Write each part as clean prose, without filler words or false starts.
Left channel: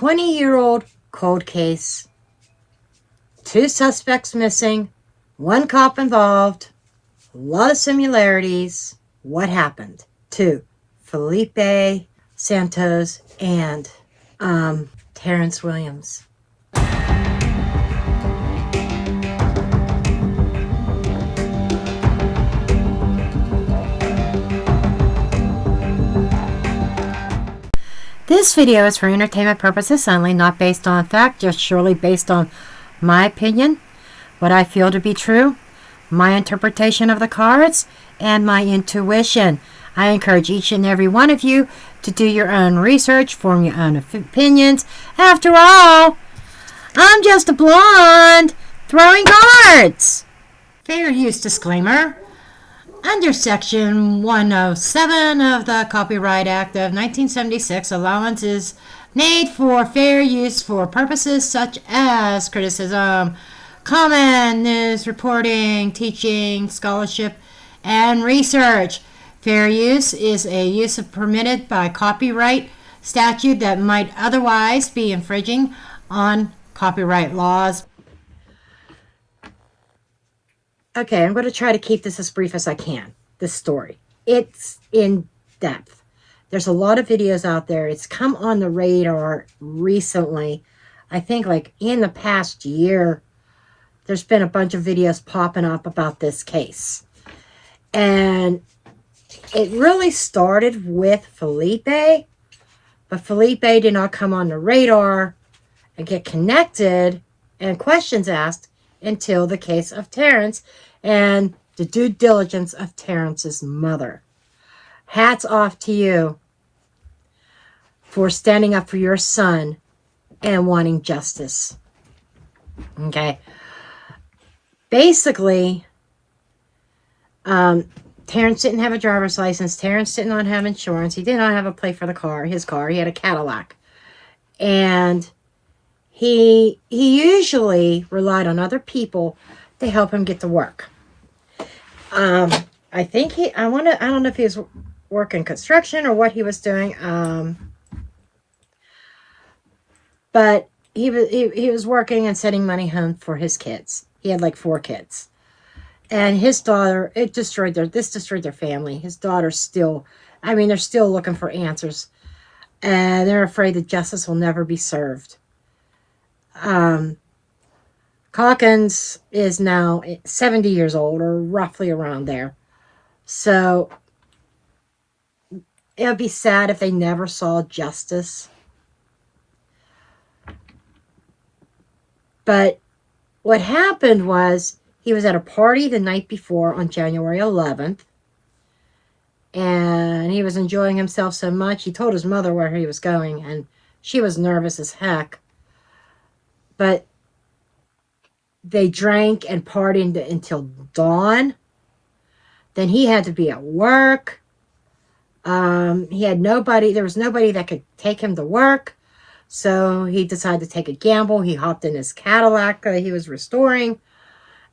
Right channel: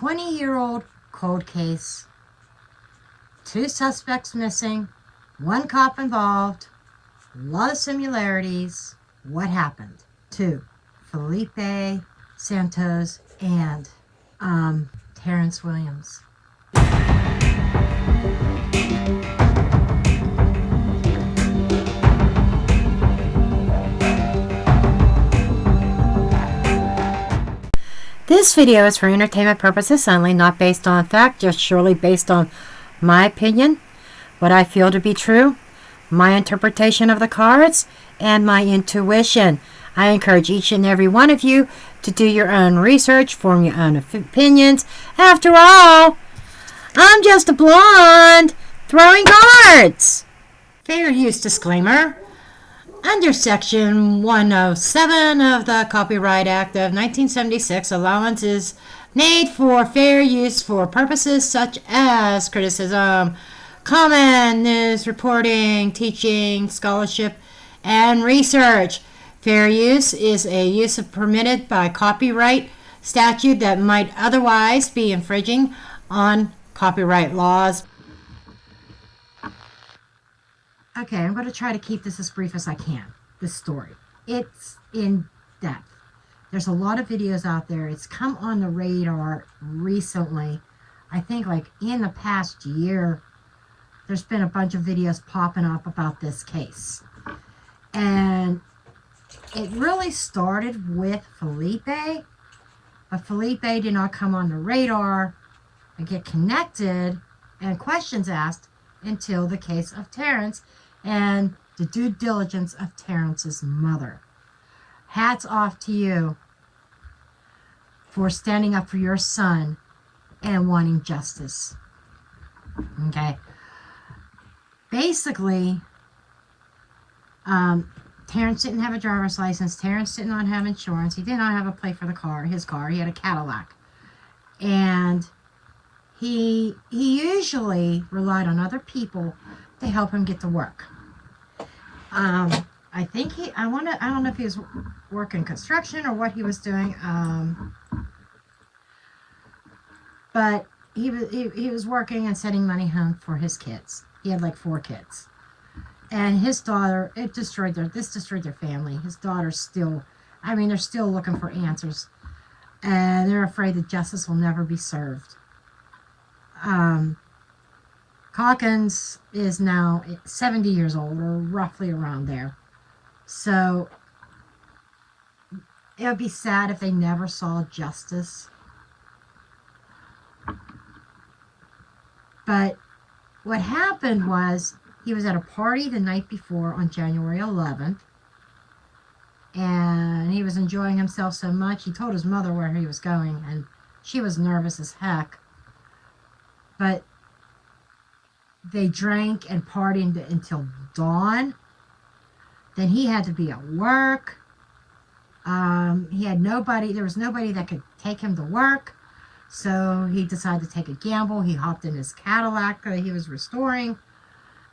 20-year-old cold case. 2 suspects missing. 1 cop involved. A lot of similarities. What happened to Felipe, Santos, and Terrance Williams? This video is for entertainment purposes only, not based on fact, just surely based on my opinion, what I feel to be true, my interpretation of the cards, and my intuition. I encourage each and every one of you to do your own research, form your own opinions. After all, I'm just a blonde throwing cards. Fair use disclaimer. Under Section 107 of the Copyright Act of 1976, allowance is made for fair use for purposes such as criticism, comment, news reporting, teaching, scholarship, and research. Fair use is a use permitted by copyright statute that might otherwise be infringing on copyright laws. Okay, I'm going to try to keep this as brief as I can, this story. It's in depth. There's a lot of videos out there. It's come on the radar recently. I think like in the past year, there's been a bunch of videos popping up about this case. And it really started with Felipe, but Felipe did not come on the radar and get connected and questions asked until the case of Terrance and the due diligence of Terrance's mother. Hats off to you for standing up for your son and wanting justice. Okay. Basically, Terrance didn't have a driver's license. Terrance did not have insurance. He did not have a plate for the car, his car. He had a Cadillac. And he usually relied on other people to help him get to work. I think I don't know if he was working construction or what he was doing. But he was working and sending money home for his kids. He had like 4 kids. And his daughter, this destroyed their family. His daughter's still, they're still looking for answers. And they're afraid that justice will never be served. Calkins is now 70 years old, or roughly around there. So it would be sad if they never saw justice. But what happened was he was at a party the night before on January 11th. And he was enjoying himself so much. He told his mother where he was going, and she was nervous as heck. But they drank and partied until dawn. Then he had to be at work. He had nobody. There was nobody that could take him to work. So he decided to take a gamble. He hopped in his Cadillac that he was restoring,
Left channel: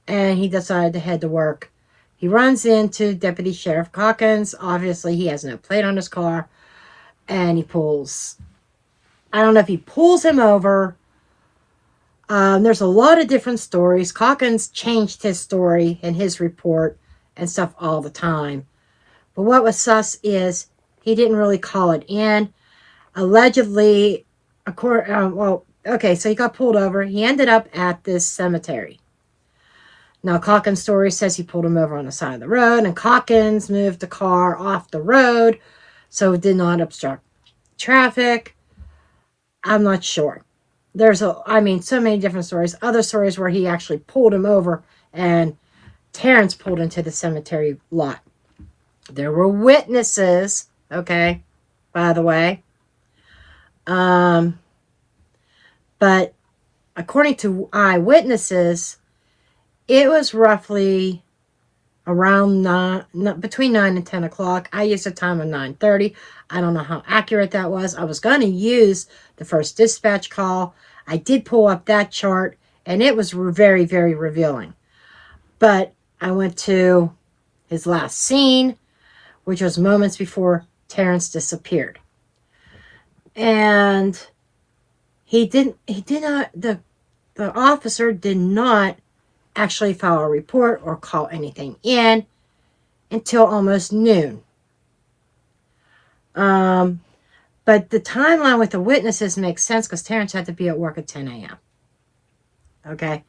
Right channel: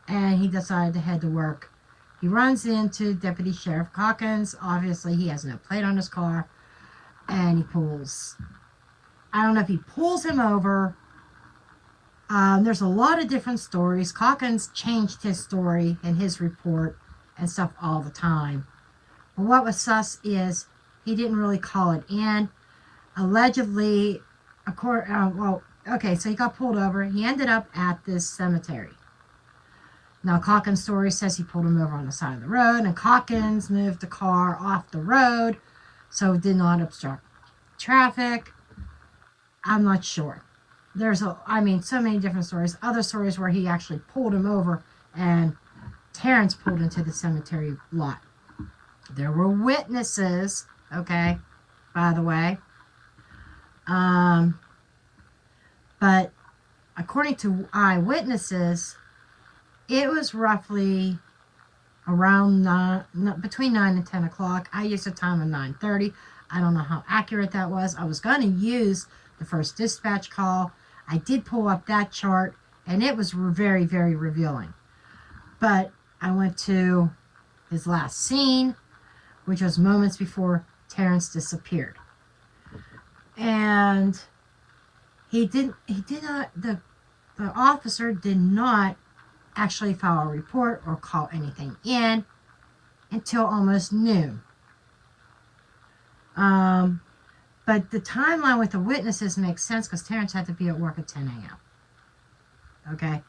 and he decided to head to work. He runs into Deputy Sheriff Calkins. Obviously, he has no plate on his car. And he pulls, I don't know if he pulls him over. There's a lot of different stories. Calkins changed his story and his report and stuff all the time. But what was sus is he didn't really call it in. Allegedly, so he got pulled over. He ended up at this cemetery. Now, Calkins' story says he pulled him over on the side of the road, and Calkins moved the car off the road so it did not obstruct traffic. I'm not sure. There's so many different stories. Other stories where he actually pulled him over and Terrance pulled into the cemetery lot. There were witnesses, okay, by the way. But according to eyewitnesses, it was roughly around between 9 and 10 o'clock. I used a time of 9:30. I don't know how accurate that was. I was going to use the first dispatch call. I did pull up that chart, and it was very, very revealing. But I went to his last scene, which was moments before Terrance disappeared. And the officer did not actually file a report or call anything in until almost noon. But the timeline with the witnesses makes sense because Terrance had to be at work at 10 a.m. Okay?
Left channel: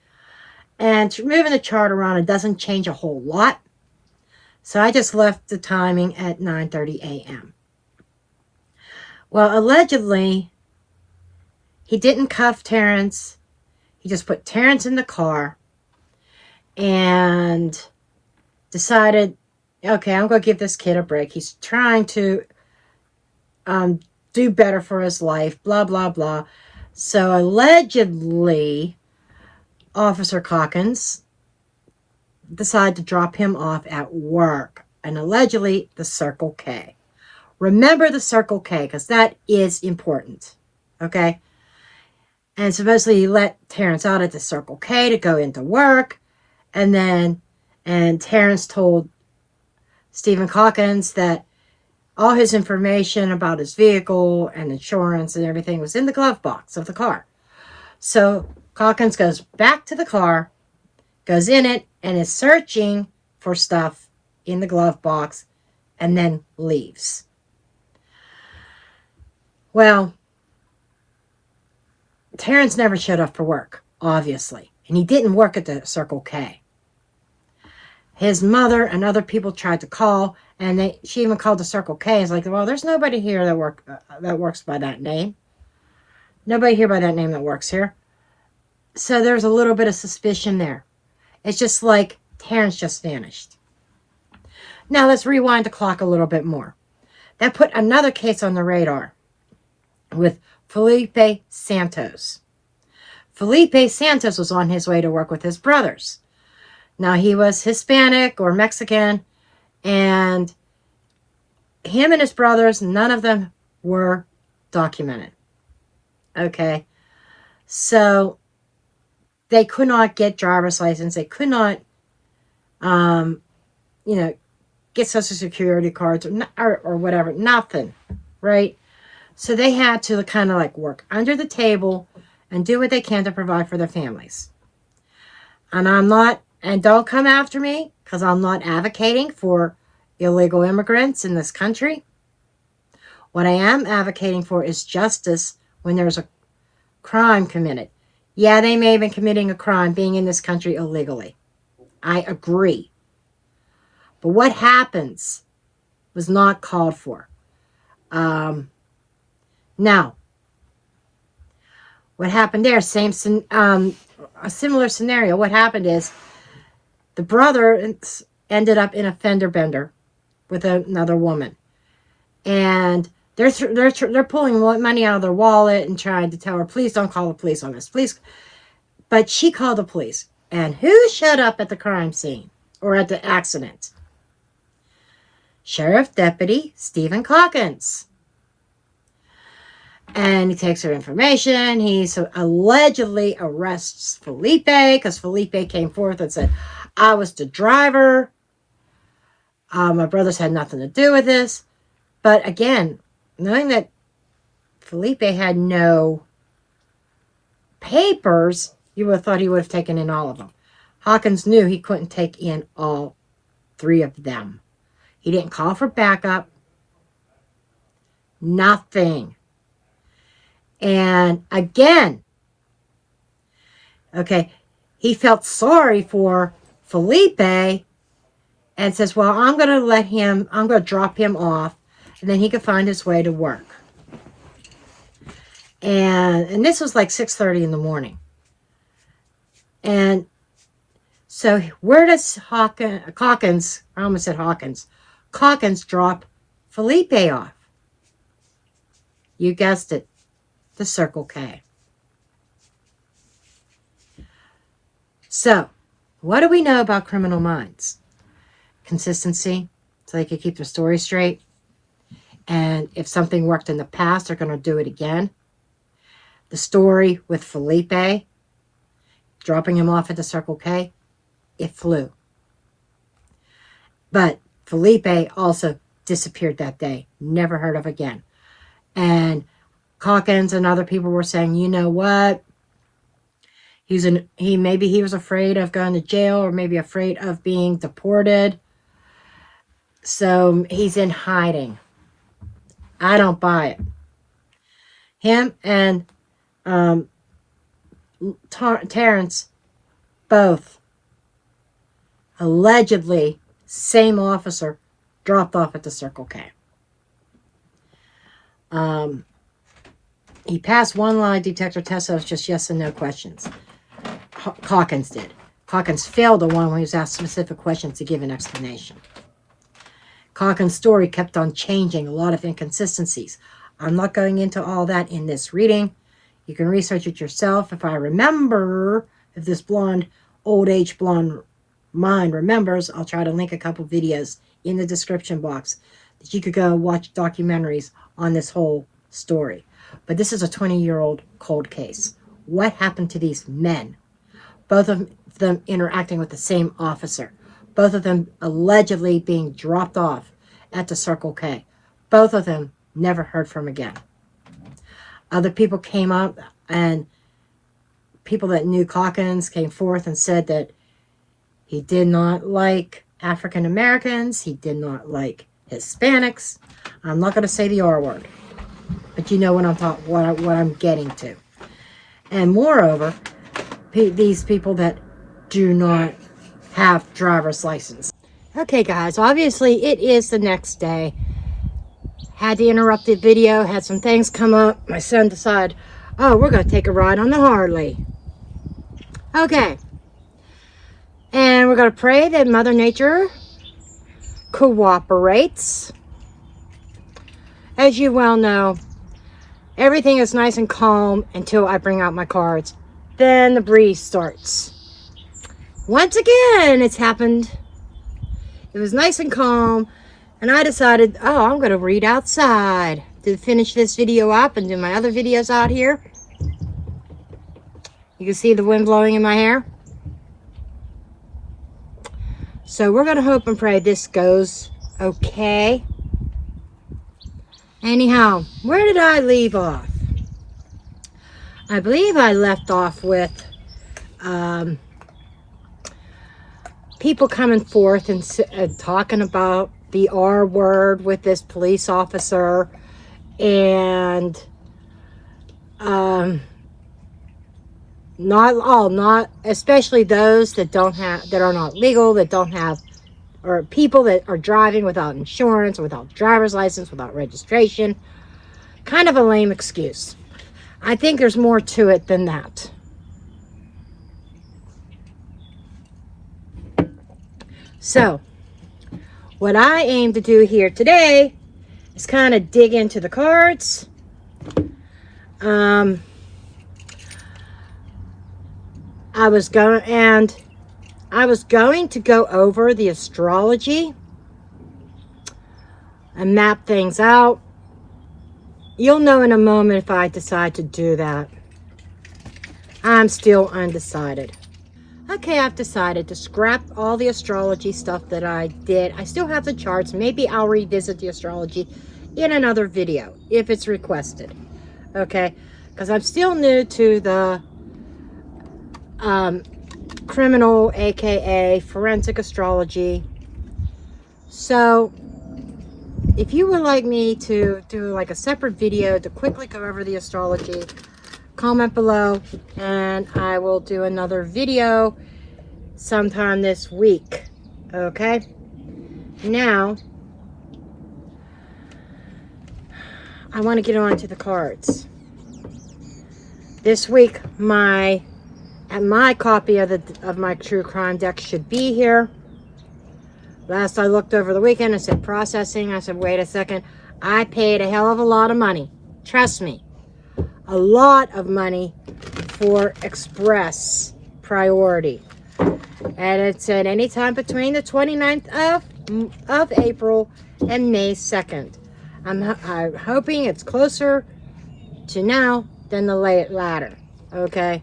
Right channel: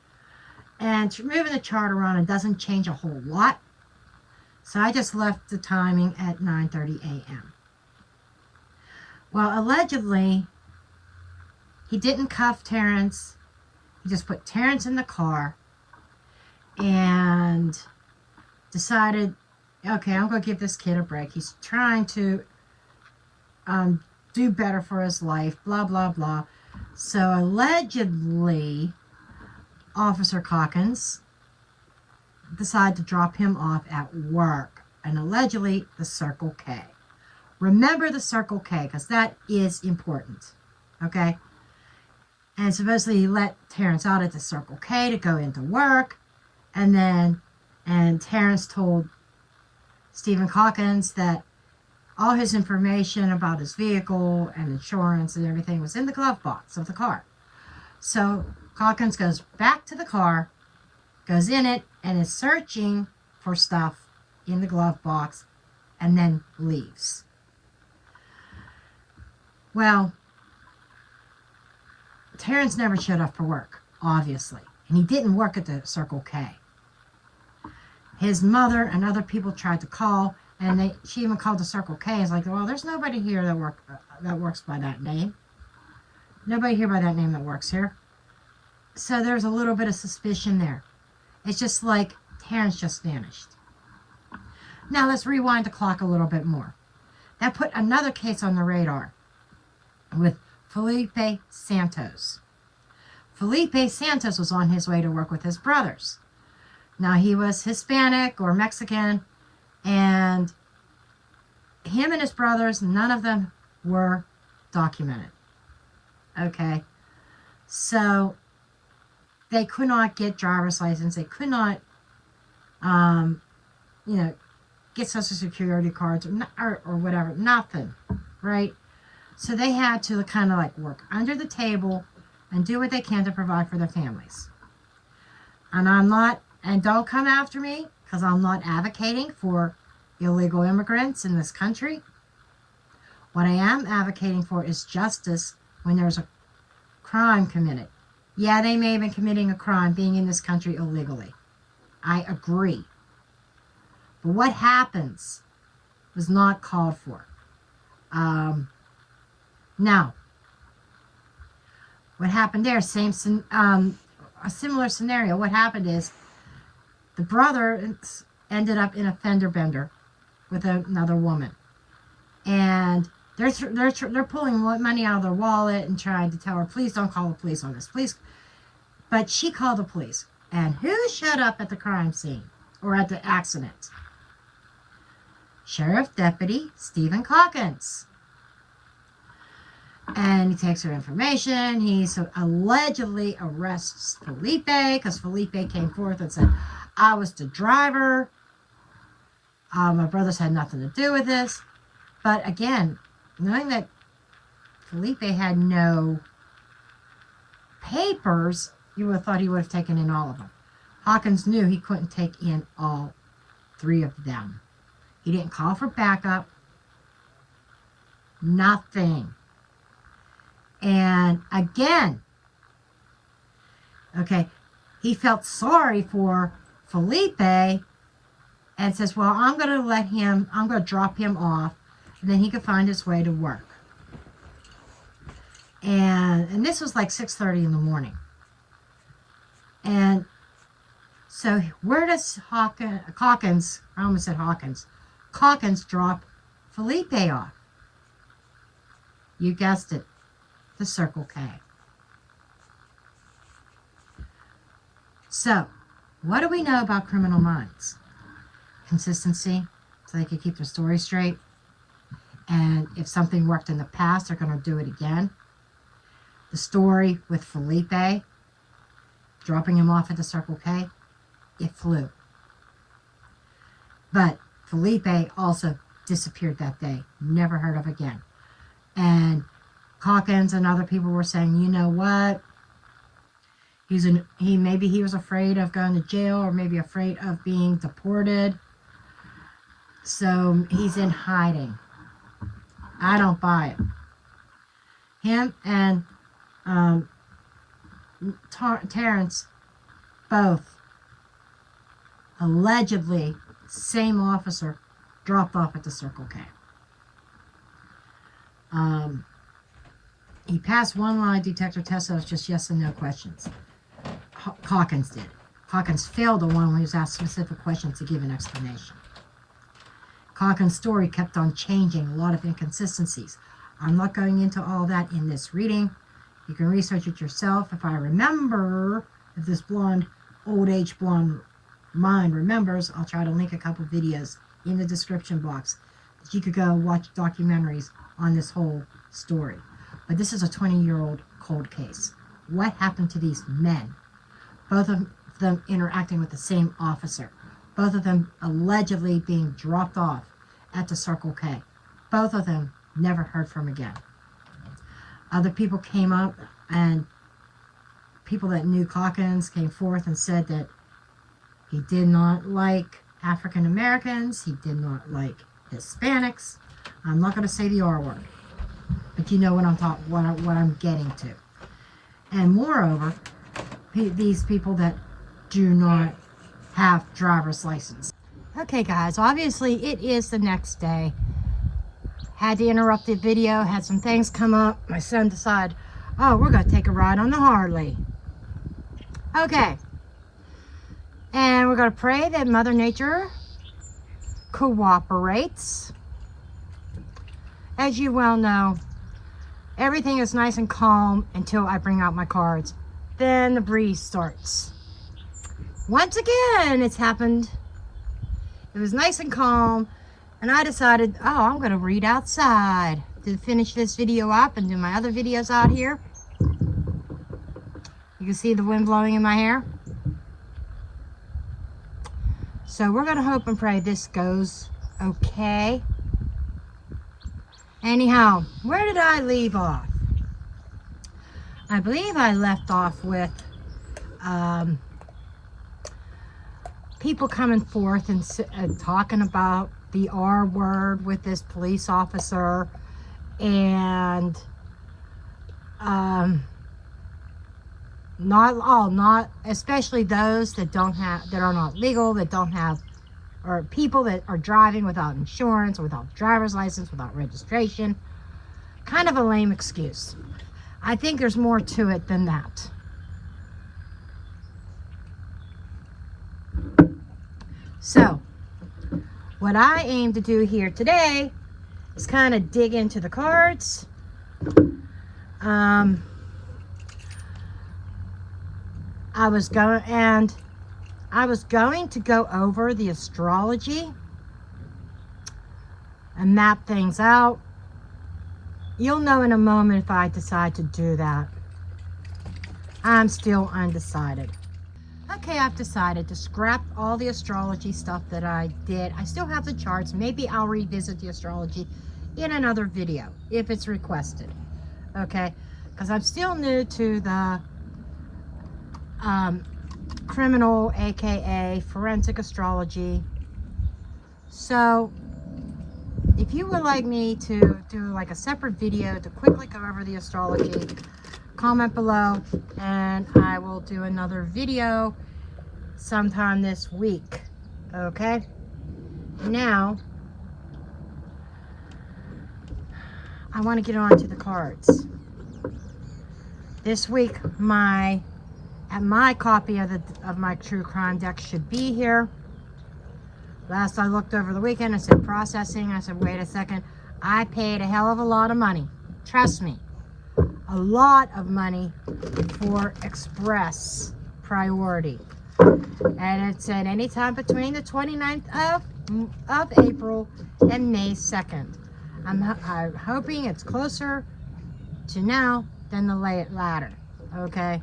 And moving the chart around, it doesn't change a whole lot. So I just left the timing at 9:30 a.m. Well, allegedly, he didn't cuff Terrance. He just put Terrance in the car and decided, okay, I'm going to give this kid a break. He's trying to do better for his life, blah, blah, blah. So allegedly, Officer Calkins decided to drop him off at work, and allegedly the Circle K. Remember the Circle K, because that is important, okay? And supposedly he let Terrance out at the Circle K to go into work, and Terrance told Steven Calkins that all his information about his vehicle and insurance and everything was in the glove box of the car. So Calkins goes back to the car, goes in it, and is searching for stuff in the glove box, and then leaves. Well, Terrance never showed up for work, obviously, and he didn't work at the Circle K. His mother and other people tried to call, and she even called the Circle K. It's like, well, there's nobody here that works by that name. Nobody here by that name that works here. So there's a little bit of suspicion there. It's just like Terrance just vanished. Now let's rewind the clock a little bit more. That put another case on the radar with Felipe Santos. Felipe Santos was on his way to work with his brothers. Now he was Hispanic or Mexican, and him and his brothers, none of them were documented. Okay. So they could not get driver's license. They could not, get Social Security cards or whatever. Nothing, right? So they had to kind of like work under the table and do what they can to provide for their families. And don't come after me, because I'm not advocating for illegal immigrants in this country. What I am advocating for is justice when there's a crime committed. Yeah, they may have been committing a crime being in this country illegally. I agree. But what happens was not called for. Now, what happened there, a similar scenario. What happened is the brother ended up in a fender bender with another woman. And they're pulling money out of their wallet and trying to tell her, please don't call the police on this, please. But she called the police. And who showed up at the crime scene or at the accident? Sheriff Deputy Steven Calkins. And he takes her information. He allegedly arrests Felipe, because Felipe came forth and said, I was the driver. My brothers had nothing to do with this. But again, knowing that Felipe had no papers, you would have thought he would have taken in all of them. Calkins knew he couldn't take in all 3 of them. He didn't call for backup. Nothing. And again, okay, he felt sorry for Felipe and says, well, I'm going to drop him off, and then he could find his way to work. And this was like 6:30 in the morning. And so where does Calkins drop Felipe off? You guessed it, the Circle K. So, what do we know about Criminal Minds? Consistency, so they can keep their story straight. And if something worked in the past, they're going to do it again. The story with Felipe, dropping him off at the Circle K, it flew. But Felipe also disappeared that day, never heard of again. And Calkins and other people were saying, you know what? Maybe he was afraid of going to jail, or maybe afraid of being deported. So he's in hiding. I don't buy it. Him and Terrance, both allegedly same officer, dropped off at the Circle K. He passed one lie detector test, so it was just yes and no questions. Calkins did. Calkins failed the one when he was asked specific questions to give an explanation. Calkins' story kept on changing, a lot of inconsistencies. I'm not going into all that in this reading. You can research it yourself. If this old age blonde mind remembers, I'll try to link a couple videos in the description box that you could go watch documentaries on this whole story. But this is a 20-year-old cold case. What happened to these men? Both of them interacting with the same officer. Both of them allegedly being dropped off at the Circle K. Both of them never heard from again. Other people came up, and people that knew Calkins came forth and said that he did not like African Americans. He did not like Hispanics. I'm not going to say the R word, but you know what I'm getting to. And moreover, these people that do not have driver's license. Okay, guys, obviously it is the next day. Had to interrupt the video, had some things come up. My son decided, oh, we're going to take a ride on the Harley. Okay. And we're going to pray that Mother Nature cooperates. As you well know, everything is nice and calm until I bring out my cards. Then the breeze starts. Once again, it's happened. It was nice and calm, and I decided, oh, I'm going to read outside to finish this video up and do my other videos out here. You can see the wind blowing in my hair. So we're going to hope and pray this goes okay. Anyhow, where did I leave off? I believe I left off with people coming forth and talking about the R word with this police officer, and not especially those that are not legal, that don't have, or people that are driving without insurance, without driver's license, without registration. Kind of a lame excuse. I think there's more to it than that. So, what I aim to do here today is kind of dig into the cards. I was going to go over the astrology and map things out. You'll know in a moment if I decide to do that. I'm still undecided. Okay, I've decided to scrap all the astrology stuff that I did. I still have the charts. Maybe I'll revisit the astrology in another video if it's requested. Okay, because I'm still new to the criminal, aka forensic astrology. So if you would like me to do like a separate video to quickly go over the astrology, comment below and I will do another video sometime this week. Okay, now I want to get on to the cards. This week my copy of my true crime deck should be here. Last I looked over the weekend, it said processing. I said, wait a second. I paid a hell of a lot of money. Trust me. A lot of money for express priority. And it said anytime between the 29th of April and May 2nd. I'm hoping it's closer to now than the latter. Okay?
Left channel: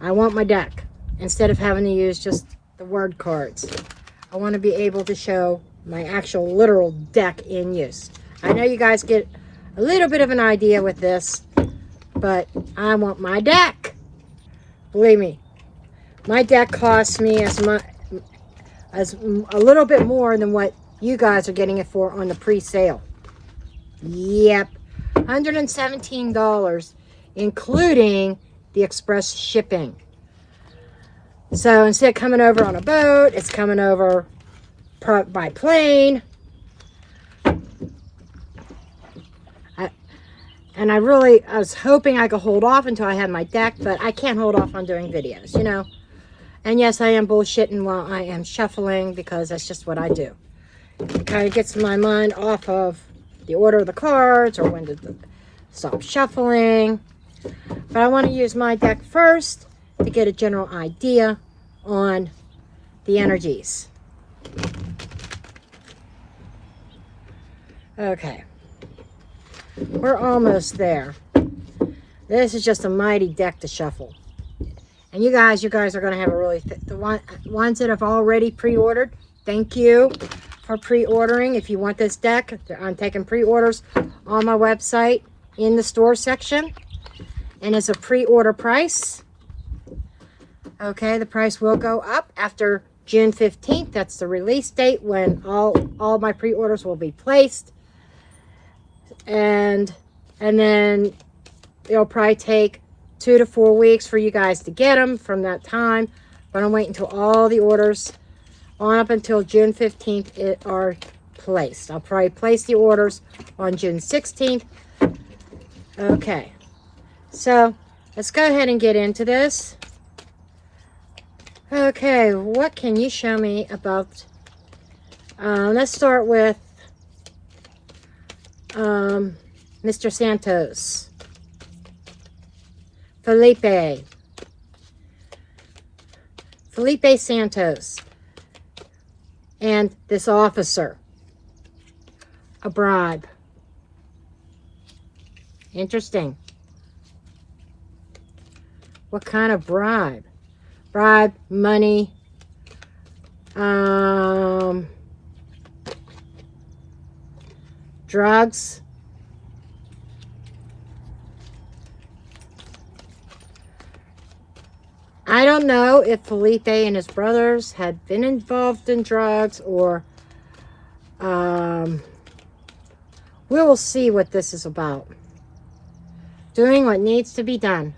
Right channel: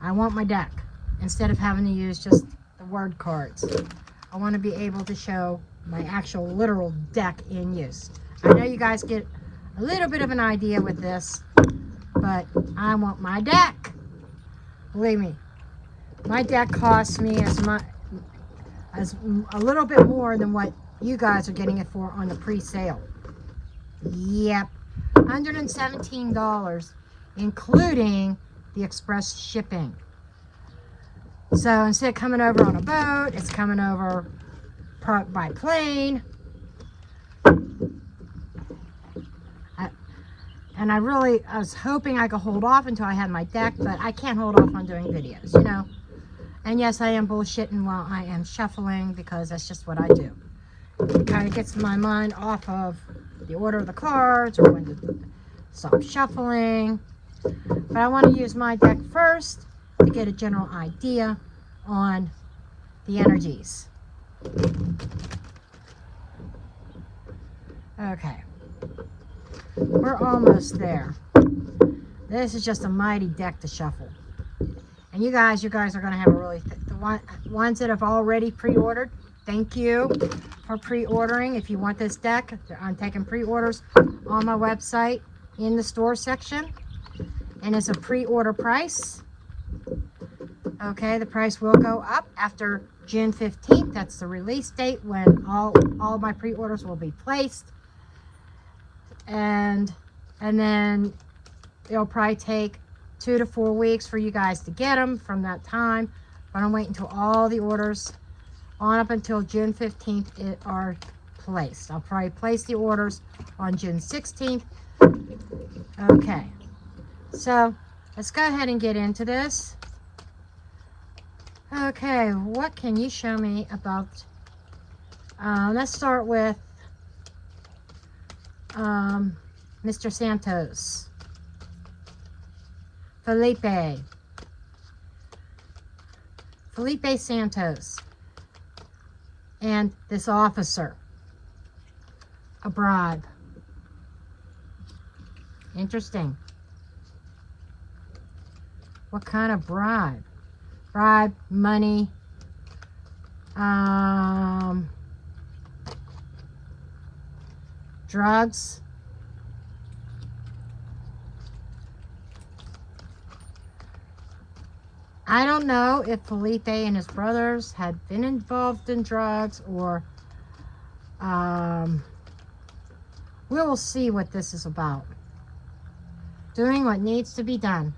I want my deck. Instead of having to use just the word cards, I want to be able to show my actual literal deck in use. I know you guys get a little bit of an idea with this, but I want my deck. Believe me, my deck costs me as a little bit more than what you guys are getting it for on the pre-sale. Yep, $117, including the express shipping. So instead of coming over on a boat, it's coming over by plane. And I was hoping I could hold off until I had my deck, but I can't hold off on doing videos, you know. And yes, I am bullshitting while I am shuffling, because that's just what I do. It kind of gets my mind off of the order of the cards or when to stop shuffling. But I want to use my deck first to get a general idea on the energies. Okay. We're almost there. This is just a mighty deck to shuffle. And you guys are going to have a really... the ones that have already pre-ordered, thank you for pre-ordering. If you want this deck, I'm taking pre-orders on my website in the store section. And it's a pre-order price. Okay, the price will go up after June 15th. That's the release date when all my pre-orders will be placed. And then it'll probably take 2 to 4 weeks for you guys to get them from that time. But I'm waiting until all the orders on up until June 15th are placed. I'll probably place the orders on June 16th. Okay, so let's go ahead and get into this. Okay, what can you show me about... let's start with Mr. Santos. Felipe Santos. And this officer. A bribe. Interesting. What kind of bribe? Bribe, money, drugs. I don't know if Felipe and his brothers had been involved in drugs, or we will see what this is about. Doing what needs to be done.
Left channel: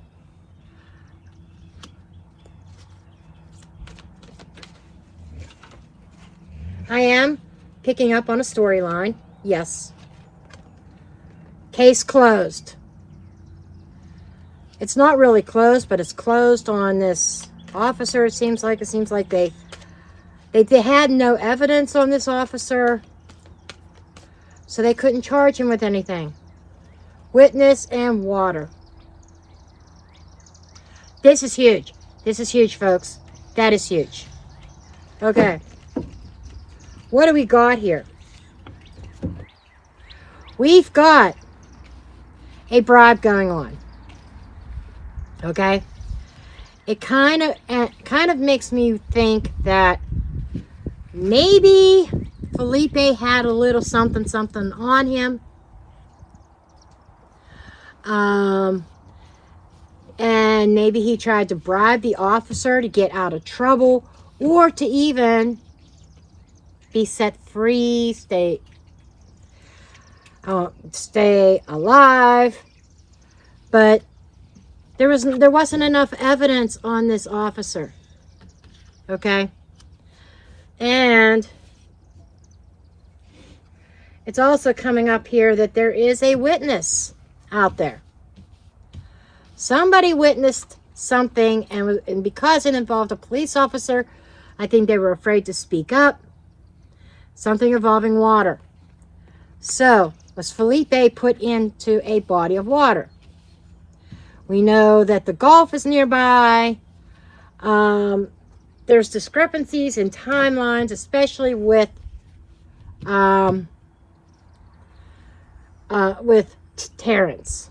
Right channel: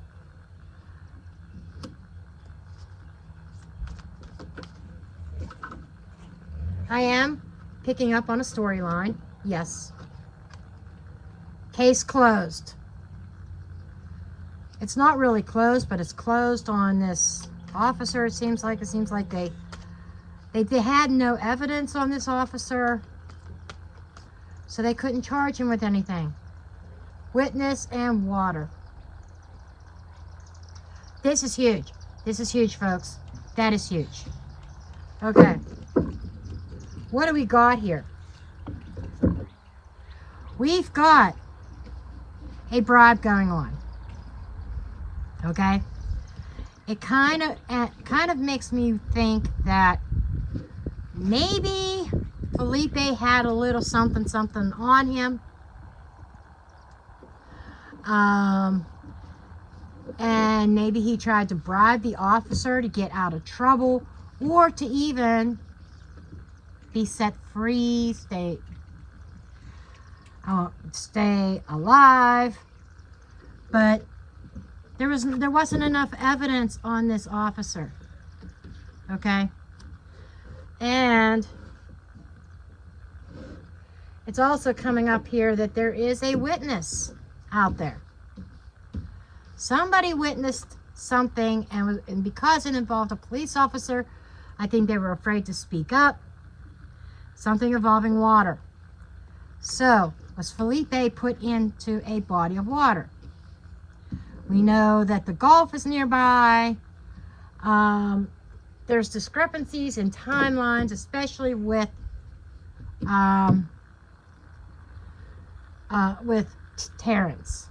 I am picking up on a storyline. Yes. Case closed. It's not really closed, but it's closed on this officer. It seems like they had no evidence on this officer, so they couldn't charge him with anything. Witness and water. This is huge. This is huge, folks. That is huge. Okay. What do we got here? We've got a bribe going on. Okay? It kind of makes me think that maybe Felipe had a little something on him. And maybe he tried to bribe the officer to get out of trouble, or to even be set free, stay alive. But there wasn't enough evidence on this officer. Okay? And it's also coming up here that there is a witness out there. Somebody witnessed something, and because it involved a police officer, I think they were afraid to speak up. Something involving water. So, was Felipe put into a body of water? We know that the Gulf is nearby. There's discrepancies in timelines, especially with Terrance.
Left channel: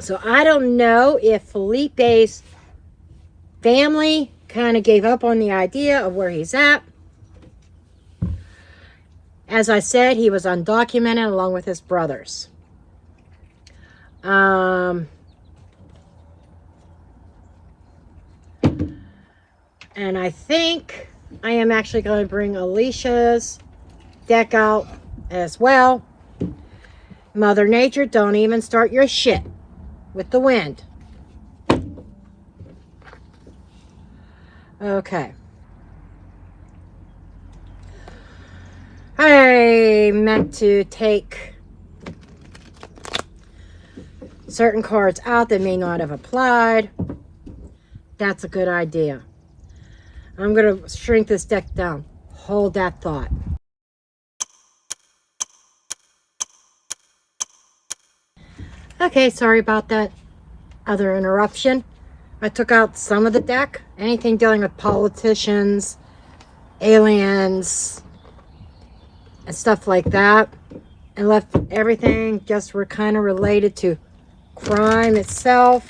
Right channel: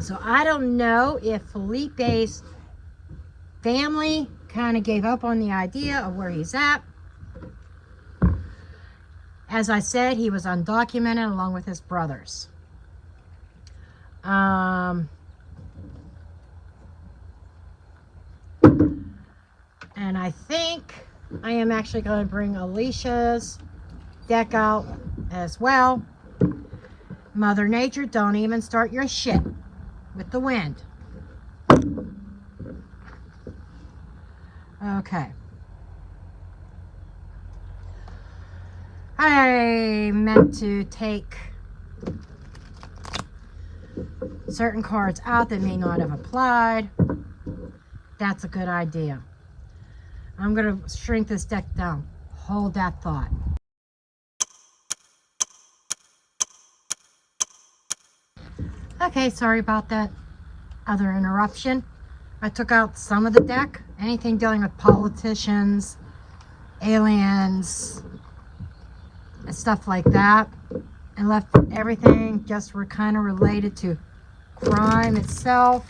So I don't know if Felipe's family kind of gave up on the idea of where he's at. As I said, he was undocumented along with his brothers. And I think I am actually going to bring Alicia's deck out as well. Mother Nature, don't even start your shit with the wind. Okay. I meant to take certain cards out that may not have applied. That's a good idea. I'm going to shrink this deck down. Hold that thought. Okay, sorry about that other interruption. I took out some of the deck. Anything dealing with politicians, aliens, and stuff like that. And left everything just were kind of related to crime itself.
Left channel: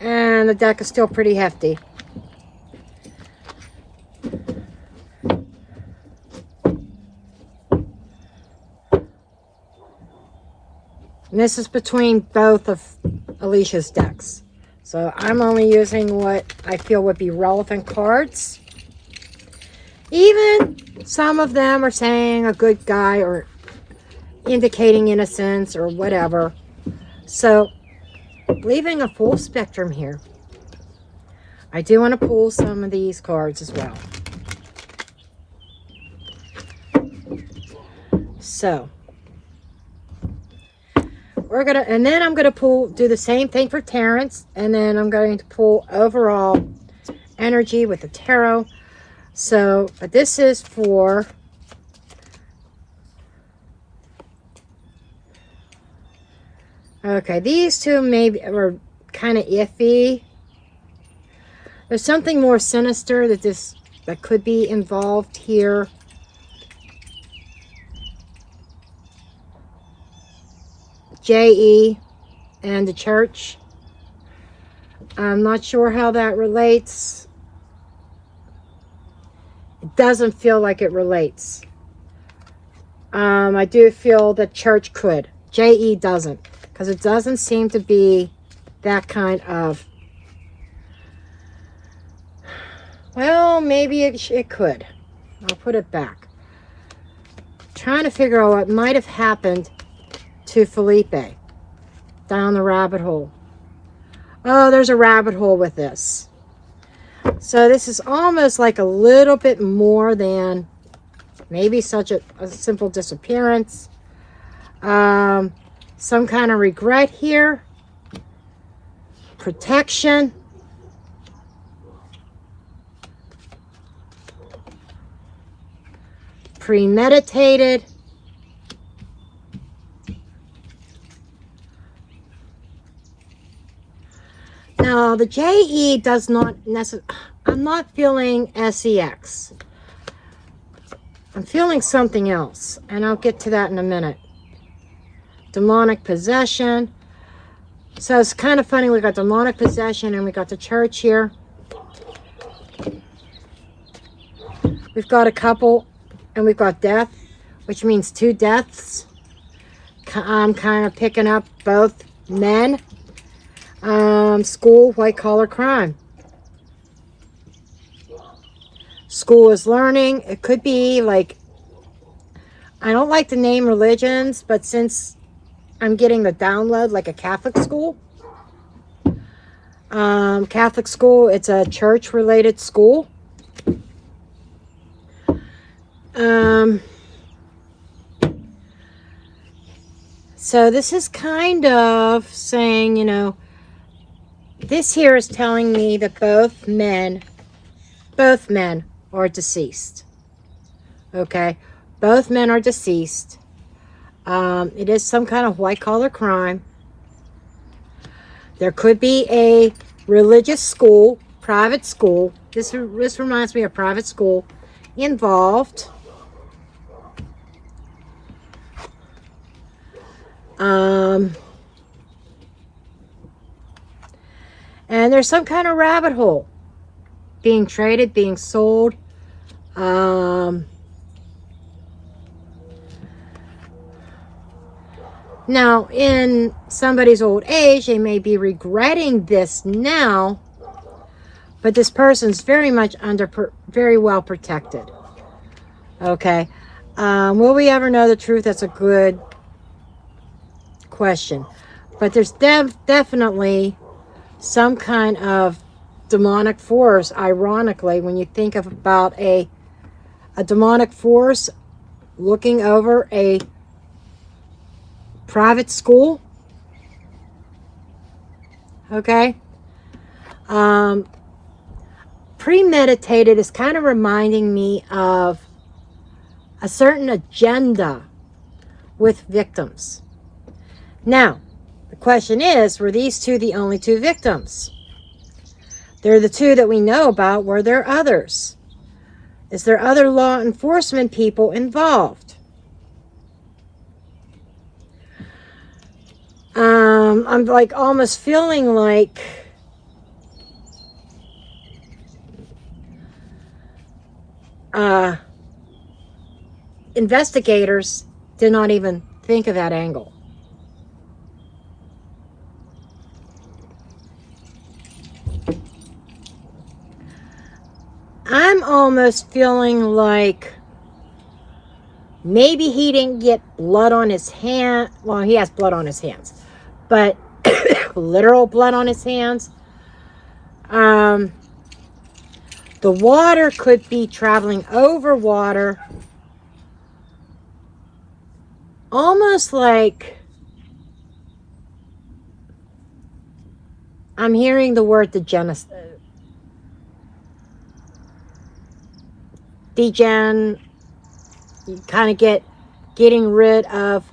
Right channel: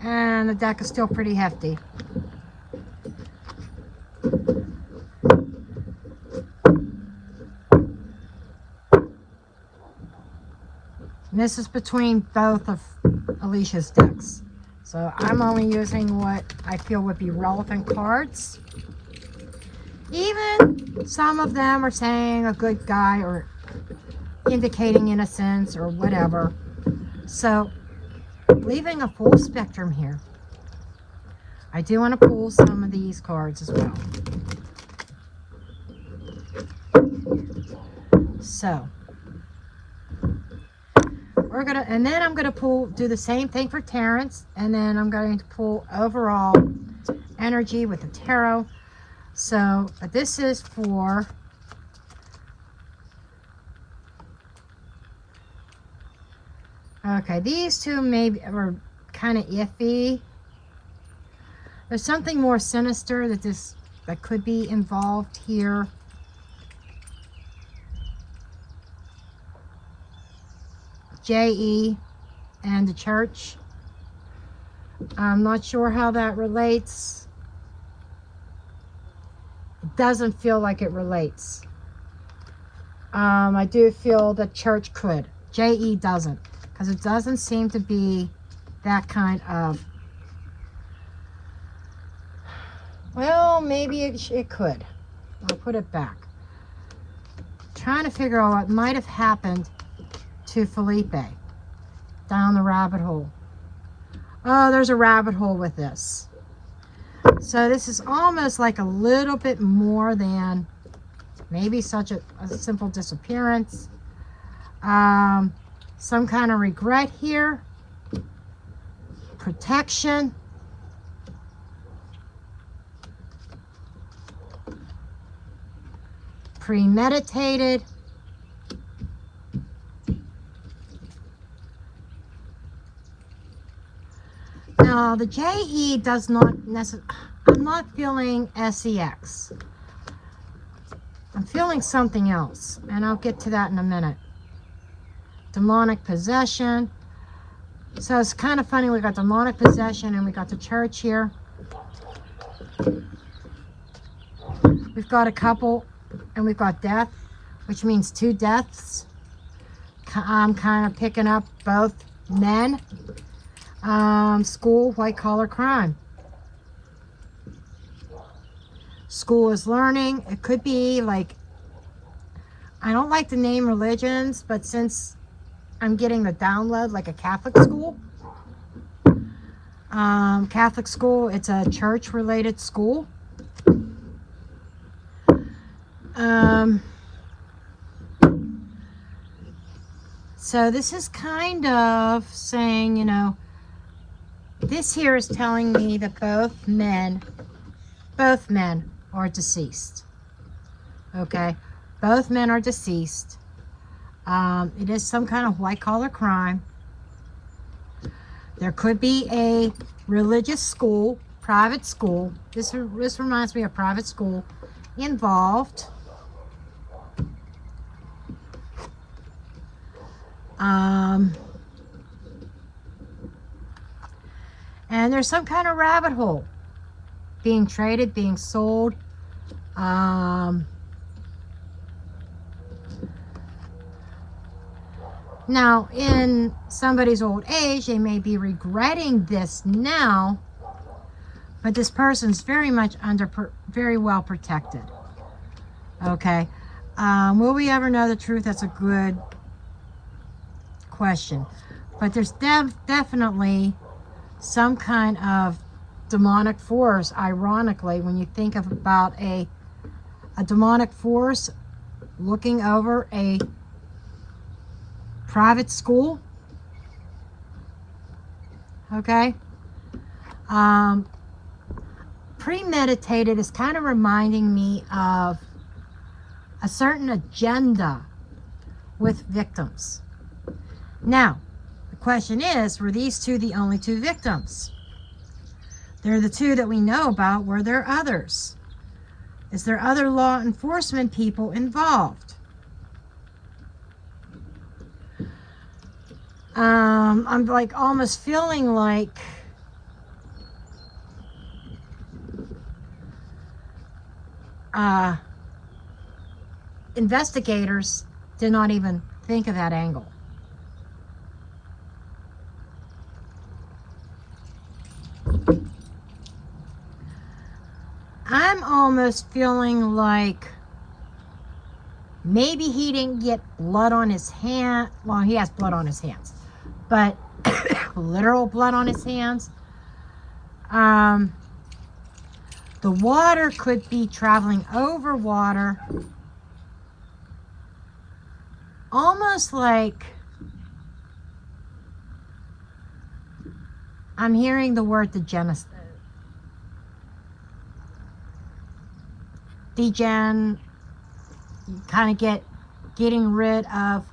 And the deck is still pretty hefty. And this is between both of Alicia's decks. So I'm only using what I feel would be relevant cards. Even some of them are saying a good guy or indicating innocence or whatever. So leaving a full spectrum here. I do want to pull some of these cards as well. So we're gonna, and then I'm gonna do the same thing for Terrance, and then I'm going to pull overall energy with the tarot. So this is for okay, these two maybe are kind of iffy. There's something more sinister that could be involved here. JE and the church. I'm not sure how that relates. It doesn't feel like it relates. I do feel that church could. JE doesn't, because it doesn't seem to be that kind of, well, maybe it could. I'll put it back. Trying to figure out what might have happened to Felipe down the rabbit hole. Oh, there's a rabbit hole with this. So this is almost like a little bit more than maybe such a simple disappearance. Some kind of regret here. Protection. Premeditated. Now, the JE does not necessarily, I'm not feeling SEX. I'm feeling something else, and I'll get to that in a minute. Demonic possession. So it's kind of funny, we got demonic possession and we got the church here. We've got a couple, and we've got death, which means 2 deaths. I'm kind of picking up both men. School, white collar crime. School is learning. It could be like, I don't like to name religions, but since I'm getting the download, like a Catholic school. Catholic school, it's a church related school. So this is kind of saying, you know, this here is telling me that both men are deceased. Okay, both men are deceased. It is some kind of white collar crime. There could be a religious school, private school. This reminds me of private school involved. And there's some kind of rabbit hole being traded, being sold. Now, in somebody's old age, they may be regretting this now, but this person's very much very well protected. Okay. Will we ever know the truth? That's a good question. But there's definitely some kind of demonic force, ironically, when you think of about a demonic force looking over a private school. Okay. Premeditated is kind of reminding me of a certain agenda with victims. Now, the question is, were these two the only two victims? They're the two that we know about. Were there others? Is there other law enforcement people involved? I'm like almost feeling like investigators did not even think of that angle. I'm almost feeling like maybe he didn't get blood on his hand. Well, he has blood on his hands, but literal blood on his hands. The water could be traveling over water. Almost like I'm hearing the word degen, you kind of getting rid of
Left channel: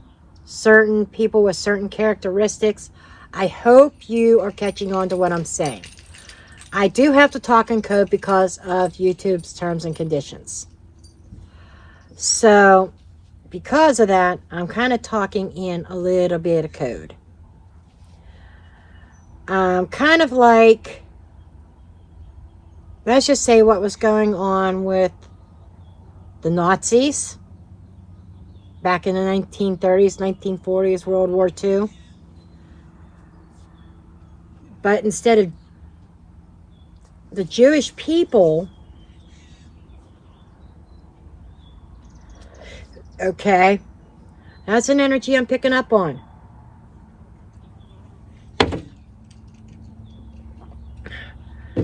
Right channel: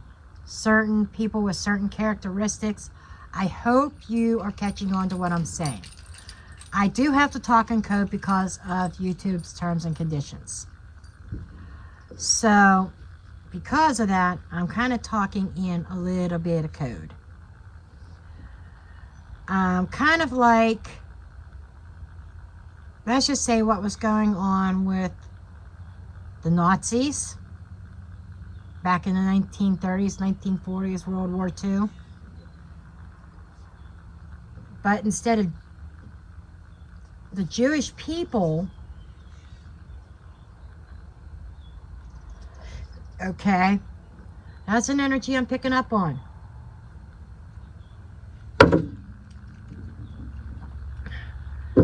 certain people with certain characteristics. I hope you are catching on to what I'm saying. I do have to talk in code because of YouTube's terms and conditions. So, because of that, I'm kind of talking in a little bit of code. Kind of like, let's just say what was going on with the Nazis back in the 1930s, 1940s, World War II. But instead of the Jewish people, okay, that's an energy I'm picking up on.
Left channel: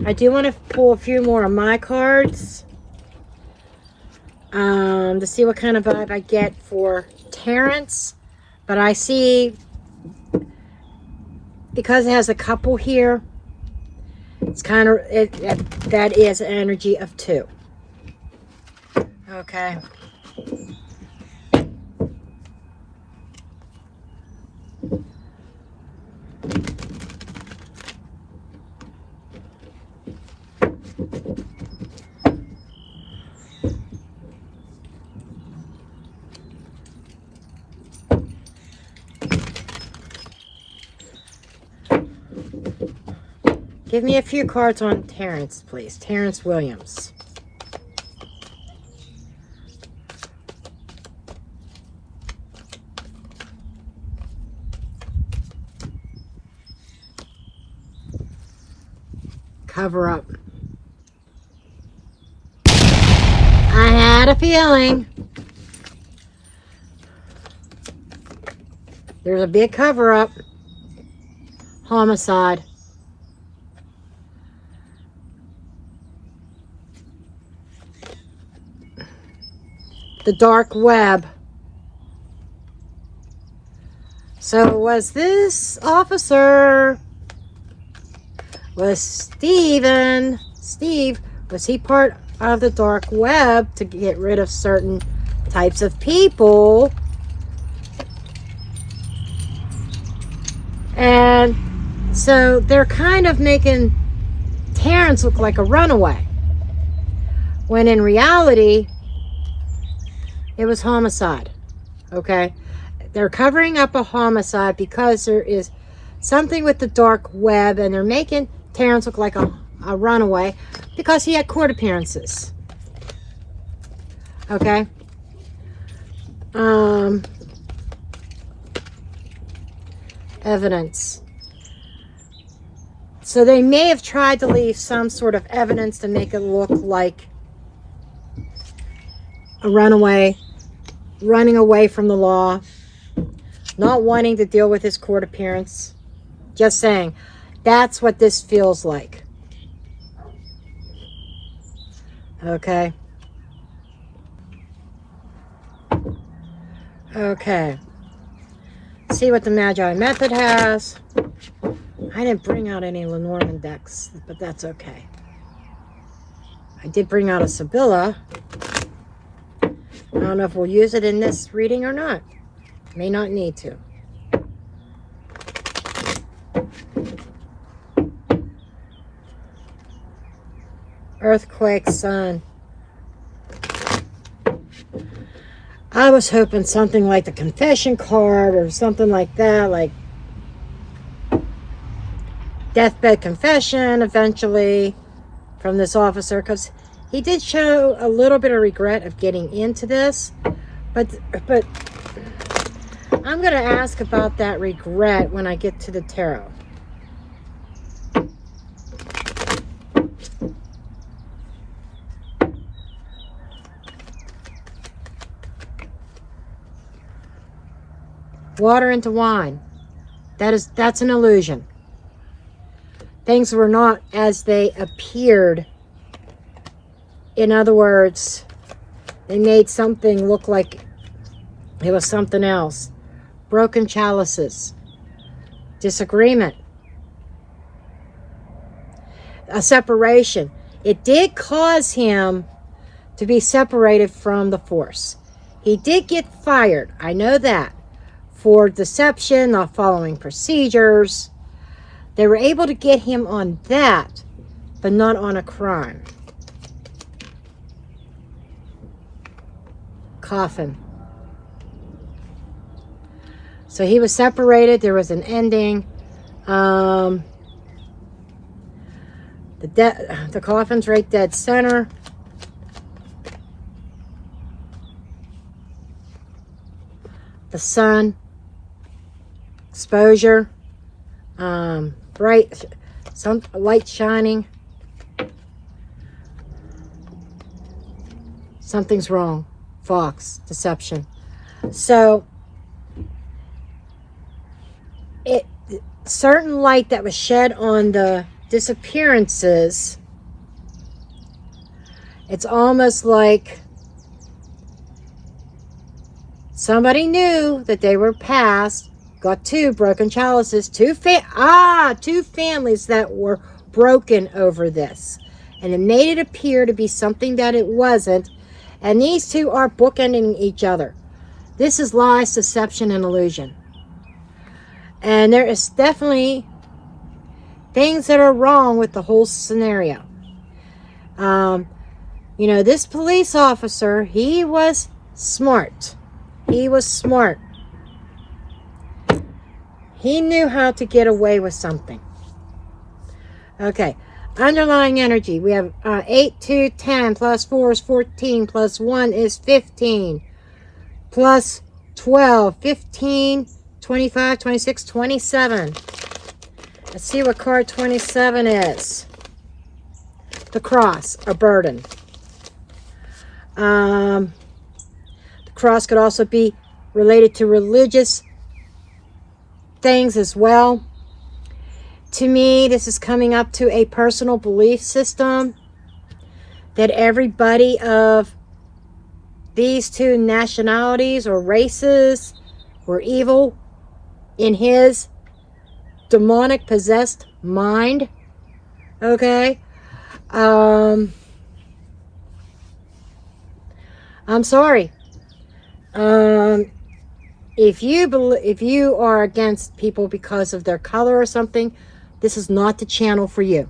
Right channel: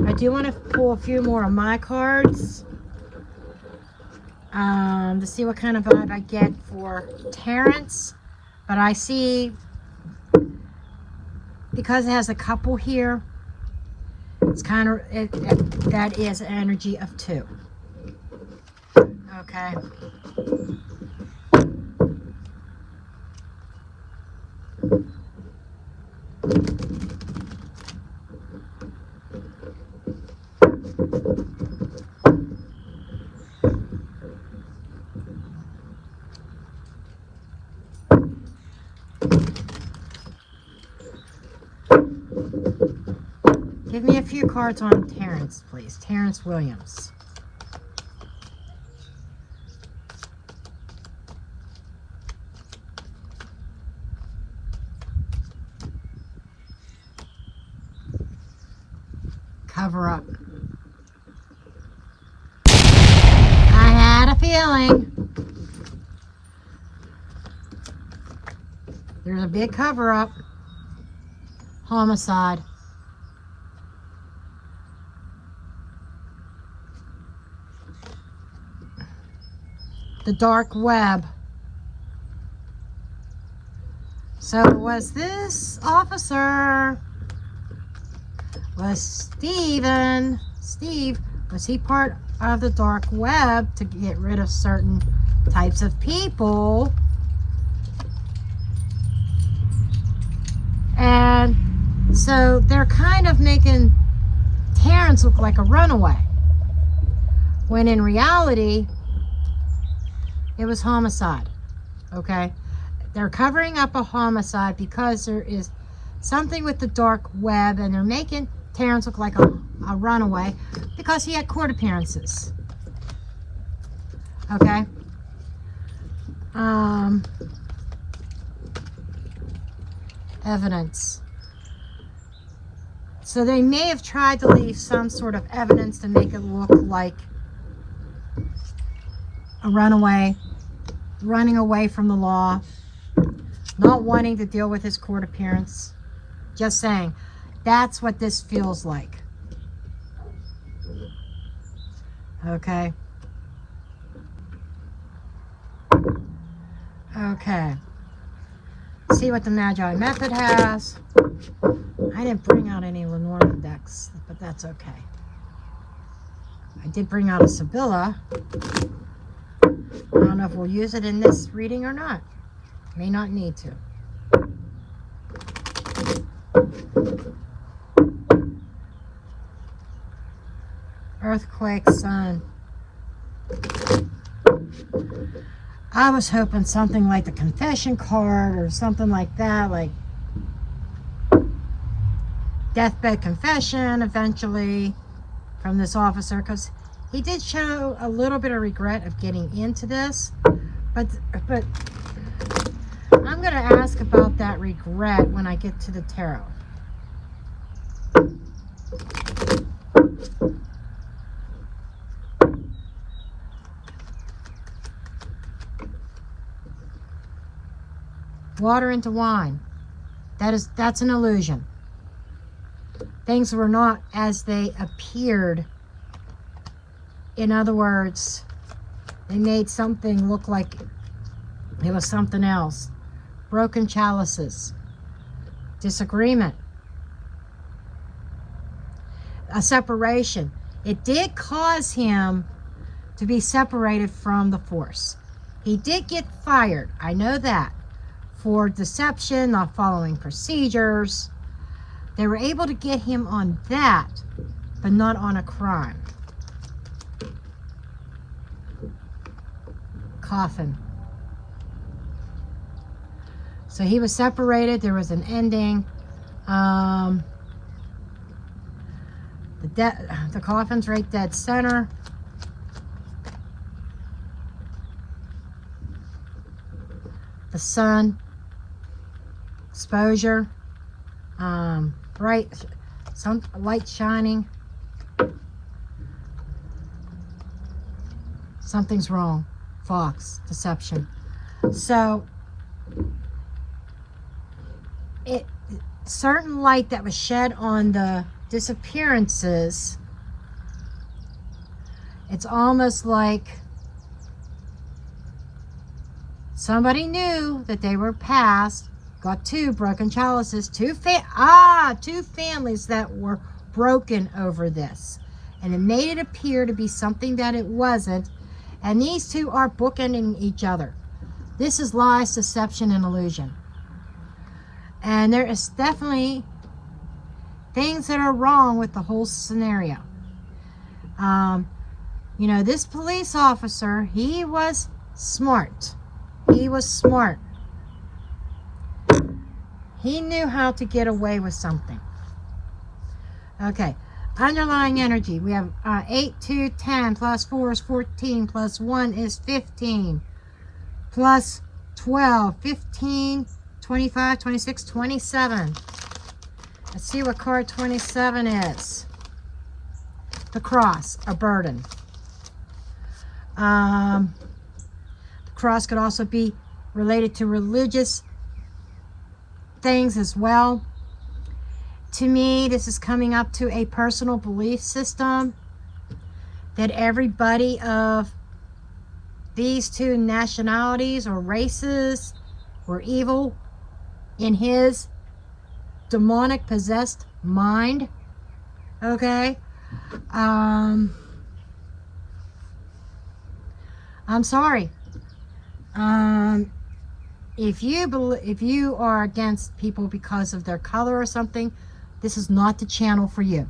I do want to pull a few more of my cards to see what kind of vibe I get for Terrance. But I see, because it has a couple here, it's kind of, that is an energy of 2. Okay. Give me a few cards on Terrance, please. Terrance Williams. Cover up. I had a feeling. There's a big cover up. Homicide. The dark web. So was this officer, was Steve, was he part of the dark web to get rid of certain types of people? And so they're kind of making Terrance look like a runaway, when in reality it was homicide. Okay, they're covering up a homicide because there is something with the dark web, and they're making Terrance look like a runaway because he had court appearances. Okay. evidence. So they may have tried to leave some sort of evidence to make it look like a runaway, running away from the law, not wanting to deal with his court appearance. Just saying, that's what this feels like. Okay. Okay. See what the Magi method has. I didn't bring out any LENORMAND decks, but that's okay. I did bring out a Sibylla. I don't know if we'll use it in this reading or not. May not need to. Earthquake, sun. I was hoping something like the confession card or something like that, like deathbed confession eventually from this officer, because he did show a little bit of regret of getting into this, but I'm going to ask about that regret when I get to the tarot. Water into wine. That's an illusion. Things were not as they appeared. In other words, they made something look like it was something else. Broken chalices. Disagreement. A separation. It did cause him to be separated from the force. He did get fired. I know that. For deception, not following procedures. They were able to get him on that, but not on a crime. Coffin. So he was separated. There was an ending. The coffin's right dead center. The sun. Exposure. Bright. Some light shining. Something's wrong. Fox. Deception. So certain light that was shed on the disappearances, it's almost like somebody knew that they were past, got two broken chalices, two families that were broken over this, and it made it appear to be something that it wasn't, and these two are bookending each other. This is lies, deception, and illusion. And there is definitely things that are wrong with the whole scenario. You know, this police officer, he was smart. He was smart. He knew how to get away with something. Okay. Underlying energy. We have 8, 2, 10, plus 4 is 14, plus 1 is 15, plus 12, 15, 25, 26, 27. Let's see what card 27 is. The cross, a burden. The cross could also be related to religious things as well. To me, this is coming up to a personal belief system that everybody of these two nationalities or races were evil in his demonic possessed mind. Okay. I'm sorry. If you are against people because of their color or something, this is not the channel for you.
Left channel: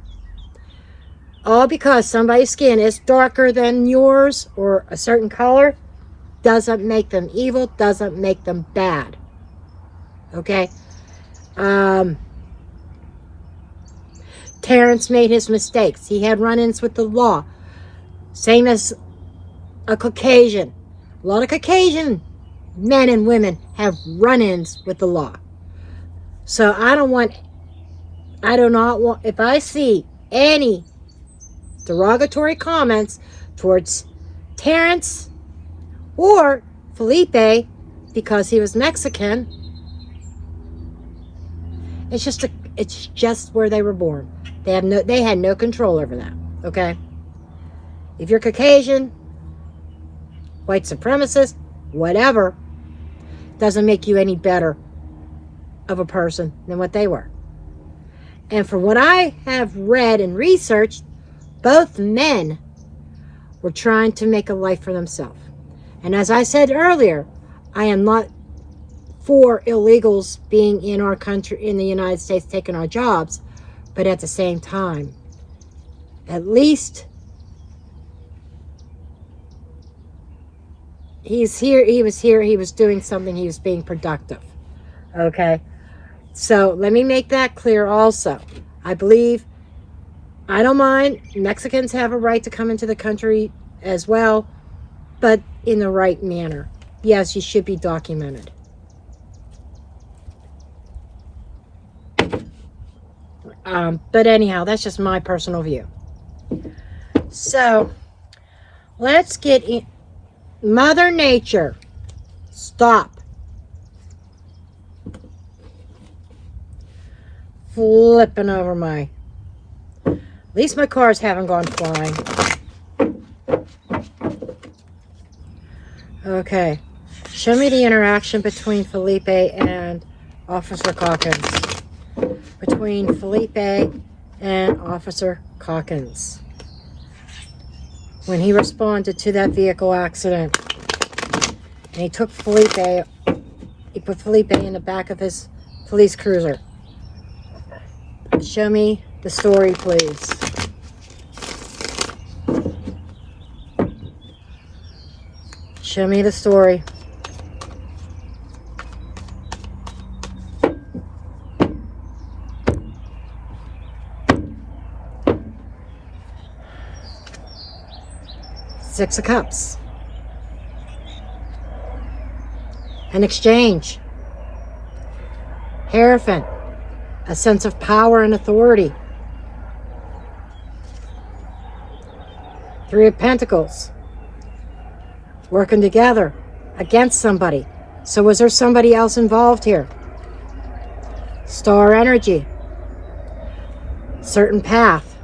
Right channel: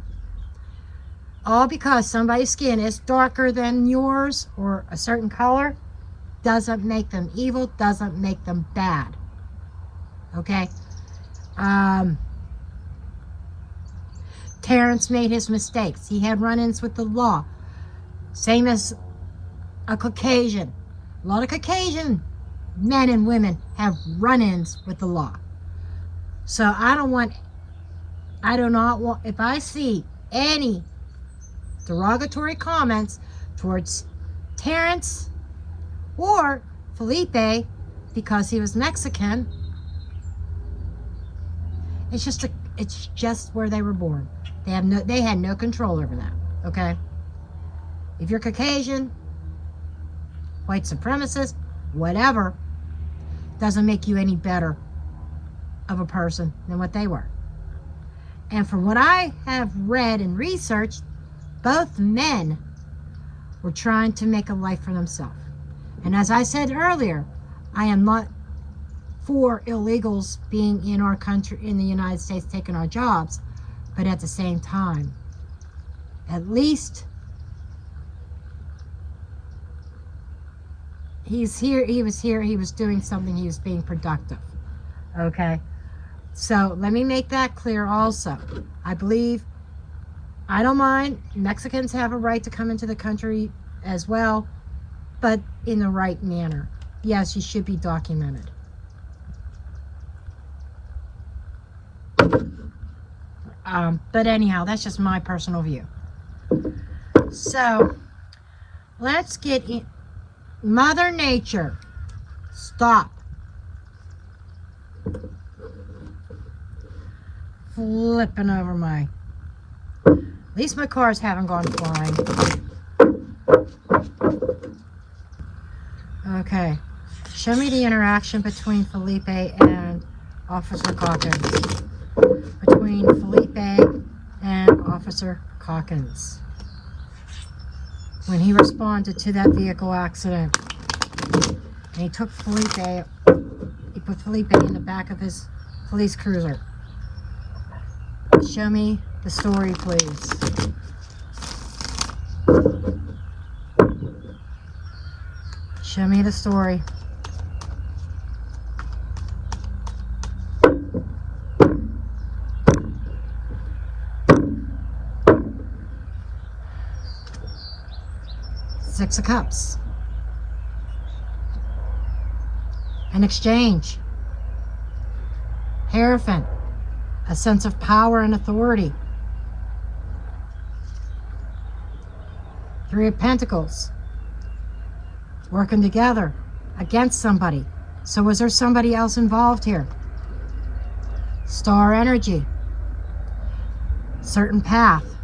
All because somebody's skin is darker than yours or a certain color doesn't make them evil, doesn't make them bad. Okay? Terrance made his mistakes. He had run-ins with the law. Same as a Caucasian. A lot of Caucasian men and women have run-ins with the law. So I do not want, if I see any derogatory comments towards Terrance or Felipe because he was Mexican, it's just where they were born. They had no control over that. Okay? If you're Caucasian, white supremacist, whatever, doesn't make you any better of a person than what they were. And from what I have read and researched, both men were trying to make a life for themselves. And as I said earlier, I am not for illegals being in our country, in the United States, taking our jobs. But at the same time, at least he's here, he was here, he was doing something, he was being productive. Okay? So let me make that clear also. I don't mind. Mexicans have a right to come into the country as well, but in the right manner. Yes, you should be documented. But anyhow, that's just my personal view. So, let's get in. Mother Nature, stop. Flipping over my... At least my cars haven't gone flying. Okay. Show me the interaction between Felipe and Officer Calkins. Between Felipe and Officer Calkins. When he responded to that vehicle accident. And he took Felipe, he put Felipe in the back of his police cruiser. Show me the story, please. Show me the story. Six of Cups. An exchange. Hierophant. A sense of power and authority. Three of Pentacles. Working together against somebody. So was there somebody else involved here? Star energy. Certain path.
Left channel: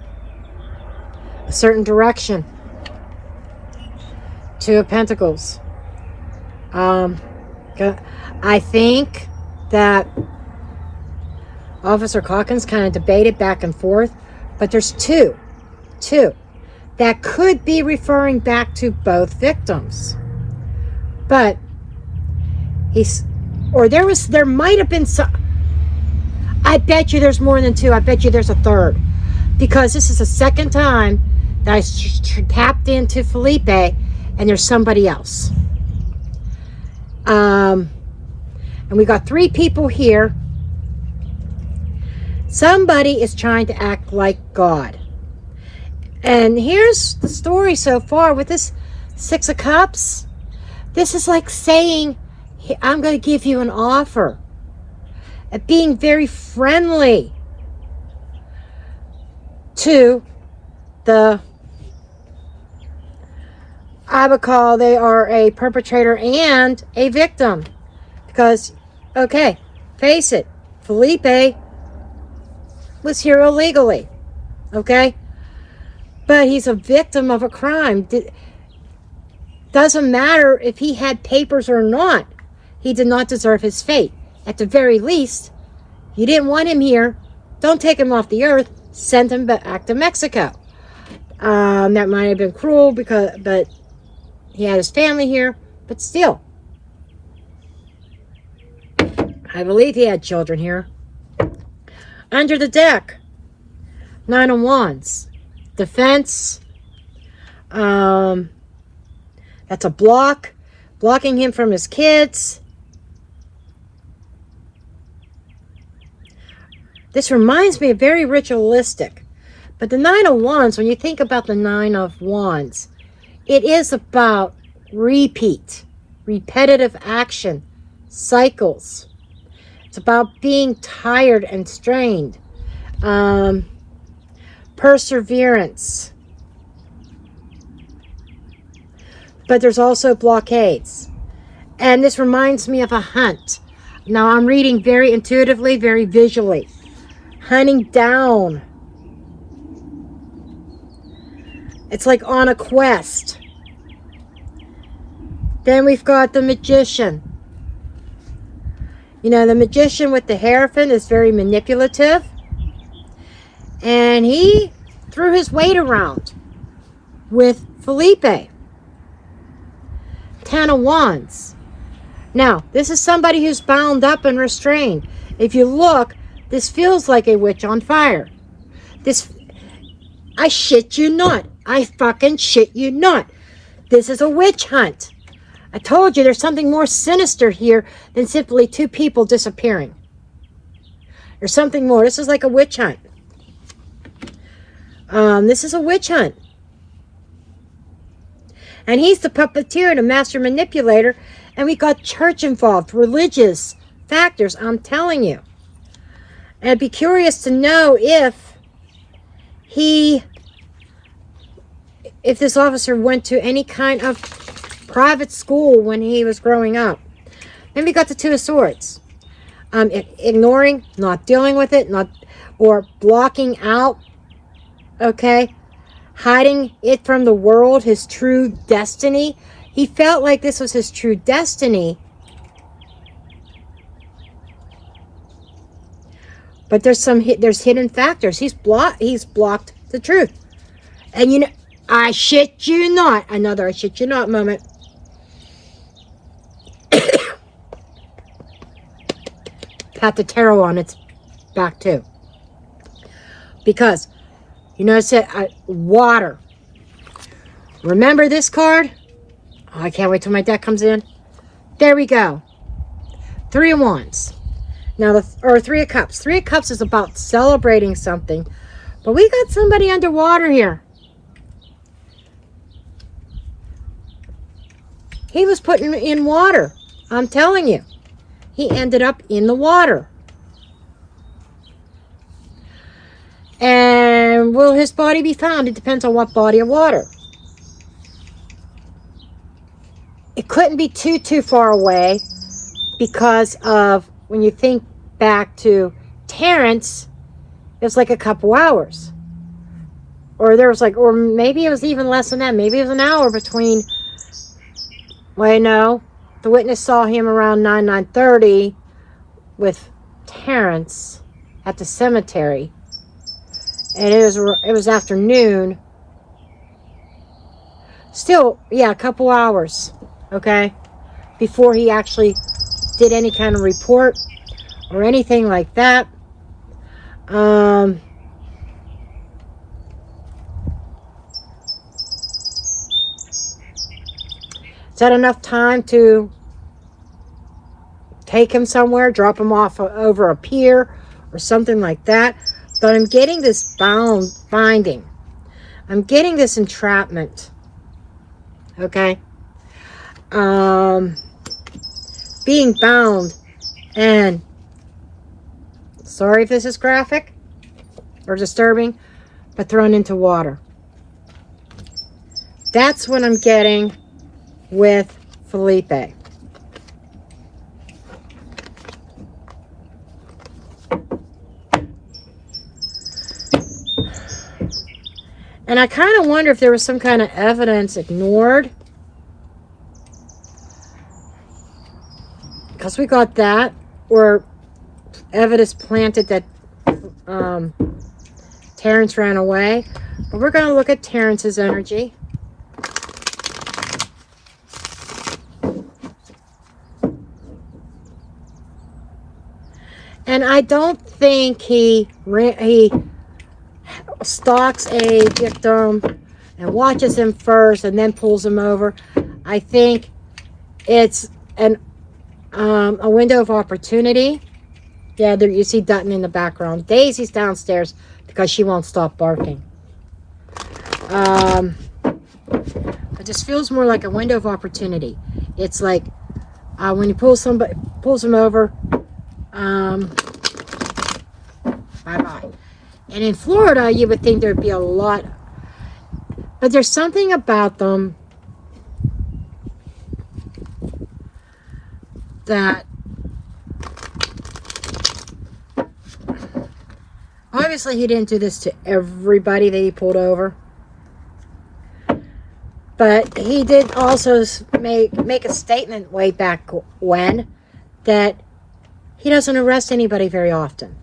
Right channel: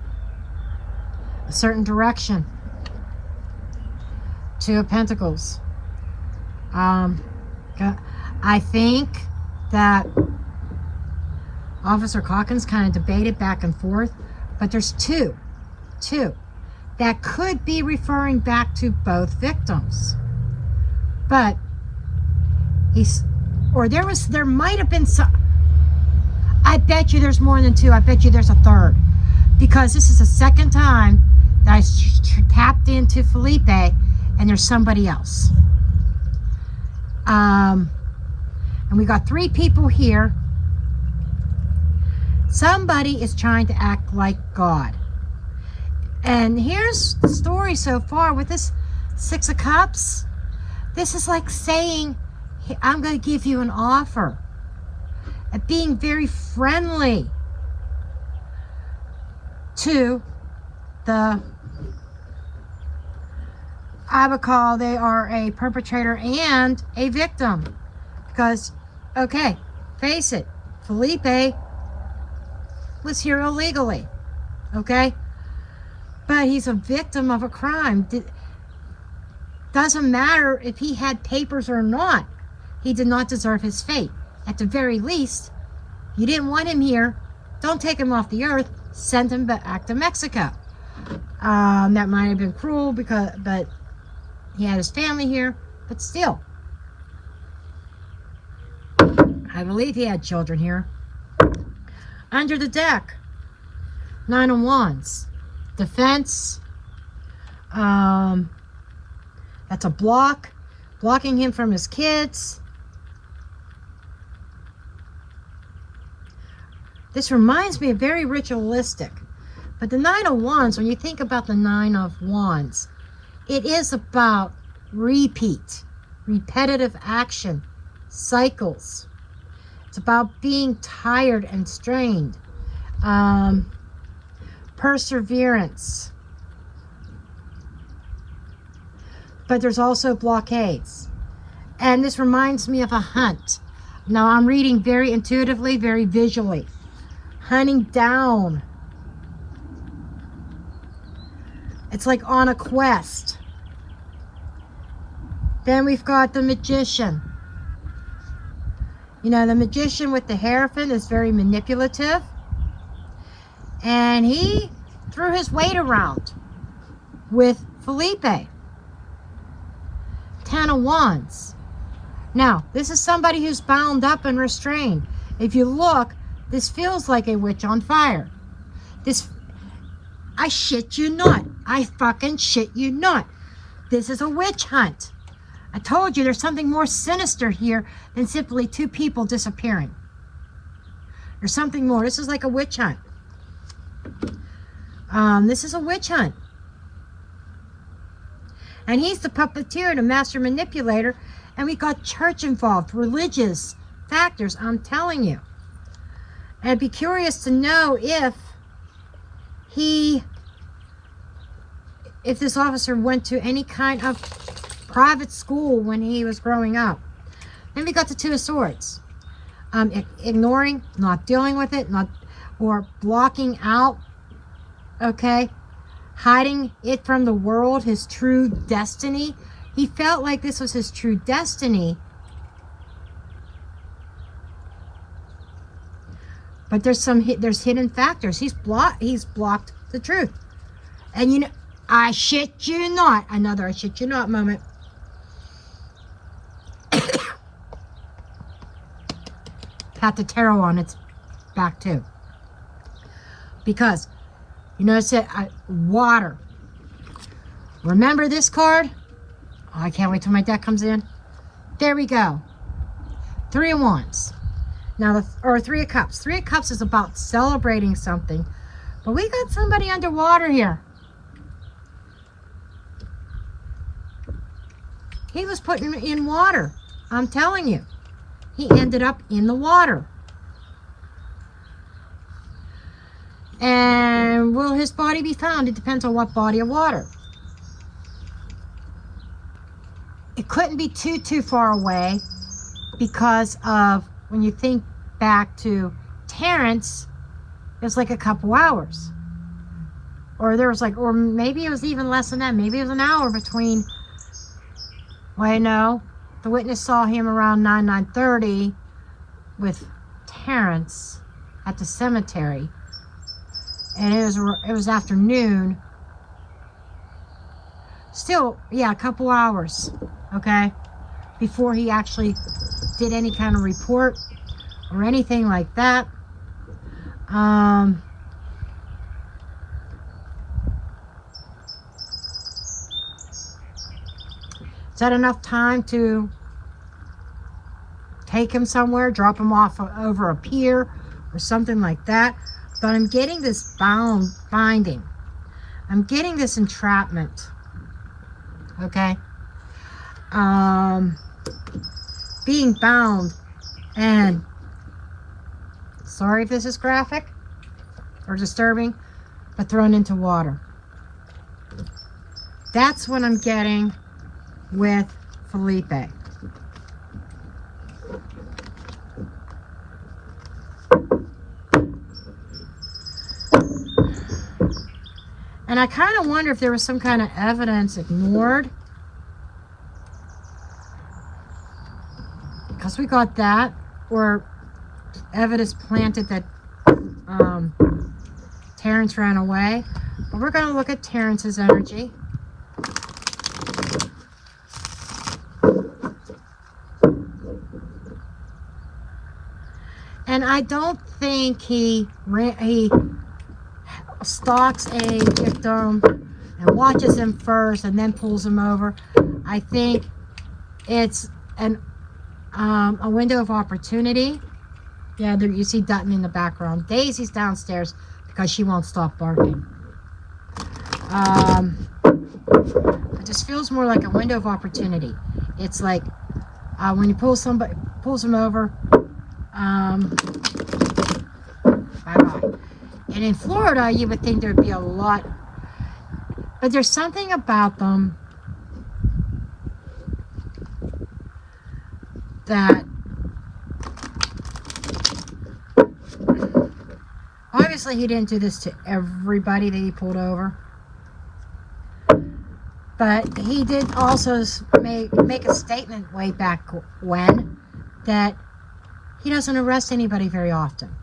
A certain direction. Two of Pentacles. I think that Officer Calkins kind of debated back and forth, but there's two that could be referring back to both victims. But there might have been some. I bet you there's more than two. I bet you there's a third, because this is the second time that I tapped into Felipe, and there's somebody else. And we got three people here. Somebody is trying to act like God. And here's the story so far with this Six of Cups. This is like saying, I'm going to give you an offer. At being very friendly to the, I would call they are a perpetrator and a victim. Because, okay, face it, Felipe was here illegally, okay? But he's a victim of a crime. Doesn't matter if he had papers or not. He did not deserve his fate. At the very least, you didn't want him here. Don't take him off the earth. Send him back to Mexico. That might have been cruel, but he had his family here. But still, I believe he had children here. Under the deck, Nine of Wands. Defense. That's a block. Blocking him from his kids. This reminds me of very ritualistic. But the Nine of Wands, when you think about the Nine of Wands, it is about repeat, repetitive action, cycles. It's about being tired and strained. Perseverance. But there's also blockades. And this reminds me of a hunt. Now I'm reading very intuitively, very visually. Hunting down. It's like on a quest. Then we've got the magician. You know, the magician with the Hierophant is very manipulative. And he threw his weight around with Felipe. 10 of Wands. Now, this is somebody who's bound up and restrained. If you look, this feels like a witch on fire. I shit you not. I fucking shit you not. This is a witch hunt. I told you there's something more sinister here than simply two people disappearing. There's something more. This is like a witch hunt. This is a witch hunt. And he's the puppeteer, the master manipulator. And we got church involved, religious factors, I'm telling you. And I'd be curious to know if this officer went to any kind of private school when he was growing up. Then we got the Two of Swords. Ignoring, not dealing with it, or blocking out, okay? Hiding it from the world, his true destiny. He felt like this was his true destiny. But there's hidden factors. He's blocked the truth. And you know, I shit you not. Another I shit you not moment. Pat the tarot on its back too. Because you notice it, water. Remember this card? Oh, I can't wait till my deck comes in. There we go. 3 of Wands. Now, or 3 of Cups. 3 of Cups is about celebrating something. But we got somebody underwater here. He was putting in water. I'm telling you. He ended up in the water. And will his body be found? It depends on what body of water. It couldn't be too far away because of, when you think back to Terrance, it was like a couple hours. Or there was like, or maybe it was even less than that. Maybe it was an hour between, well, no, the witness saw him around 9:30 with Terrance at the cemetery. And it was afternoon. Still, yeah, a couple hours, okay, before he actually did any kind of report or anything like that. Is that enough time to take him somewhere, drop him off over a pier or something like that? But I'm getting this binding. I'm getting this entrapment. Okay? Being bound and, sorry if this is graphic or disturbing, but thrown into water. That's what I'm getting with Felipe. And I kind of wonder if there was some kind of evidence ignored. Because we got that. Or evidence planted that Terrance ran away. But we're going to look at Terrance's energy. And I don't think he stalks a victim and watches him first and then pulls him over. I think it's a window of opportunity. Yeah, there you see Dutton in the background. Daisy's downstairs because she won't stop barking. It just feels more like a window of opportunity. It's like when he pulls him over, Bye-bye. And in Florida, you would think there'd be a lot, but there's something about them that obviously he didn't do this to everybody that he pulled over, but he did also make a statement way back when that he doesn't arrest anybody very often.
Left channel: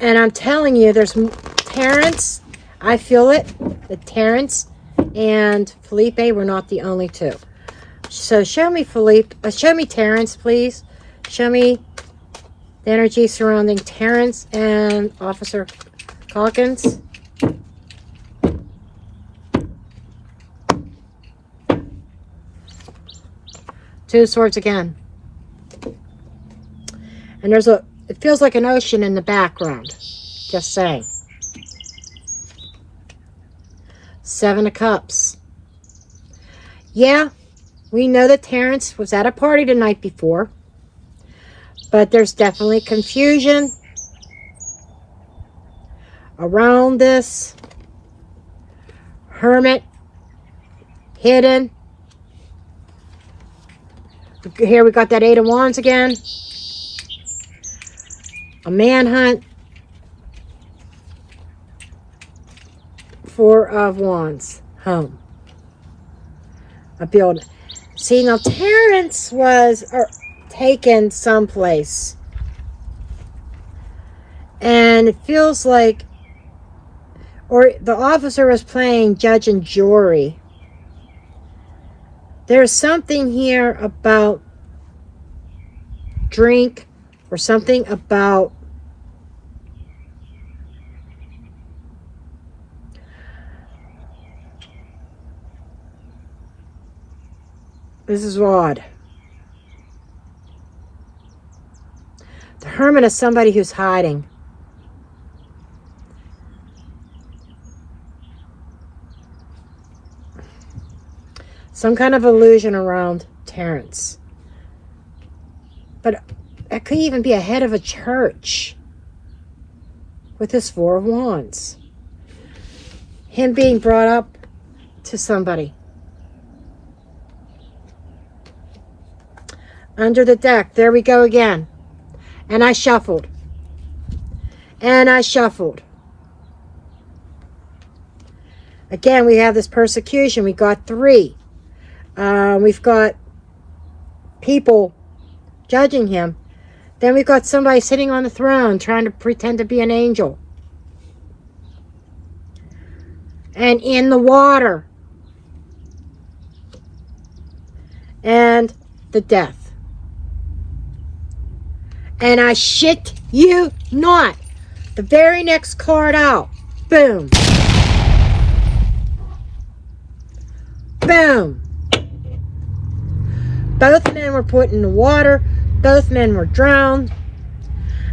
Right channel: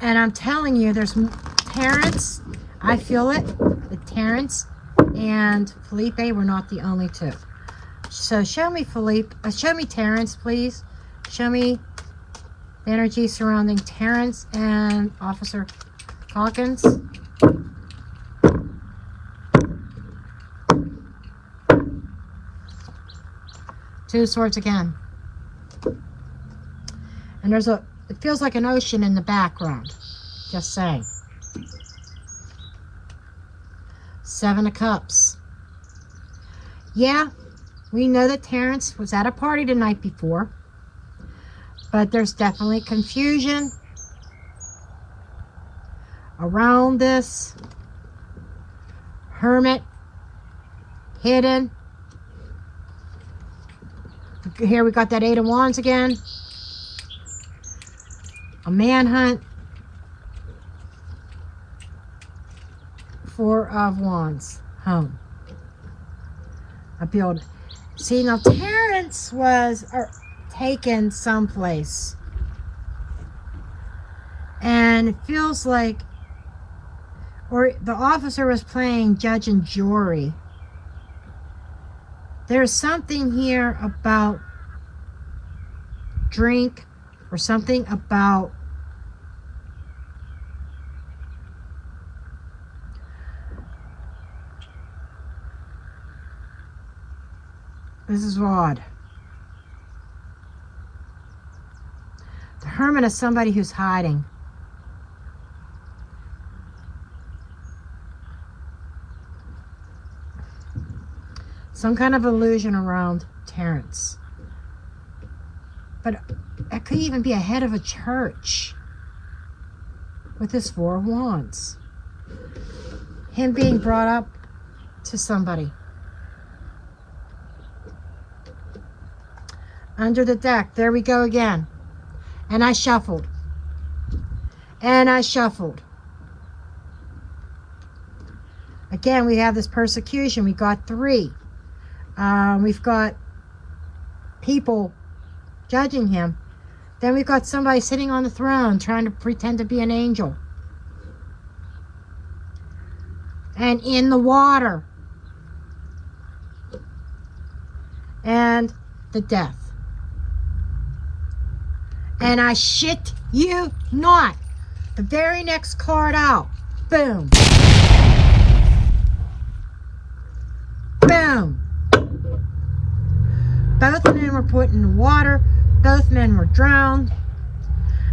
And I'm telling you, there's Terrance, I feel it, that Terrance and Felipe were not the only two. So show me show me Terrance, please. Show me the energy surrounding Terrance and Officer Calkins. Two of Swords again. And it feels like an ocean in the background. Just saying. Seven of Cups. Yeah, we know that Terrance was at a party the night before. But there's definitely confusion around this. Hermit. Hidden. Here we got that Eight of Wands again. A manhunt. Four of Wands. Home. A building. See, now Terrance was taken someplace. And it feels like, or the officer was playing judge and jury. There's something here about drink or something about this is odd. The Hermit is somebody who's hiding. Some kind of illusion around Terrance. But it could even be a head of a church with this Four of Wands. Him being brought up to somebody. Under the deck. There we go again. And I shuffled. And I shuffled. Again, we have this persecution. We got three. We've got people judging him. Then we've got somebody sitting on the throne trying to pretend to be an angel. And in the water. And the death. And I shit you not. The very next card out. Boom. Boom. Both men were put in the water. Both men were drowned.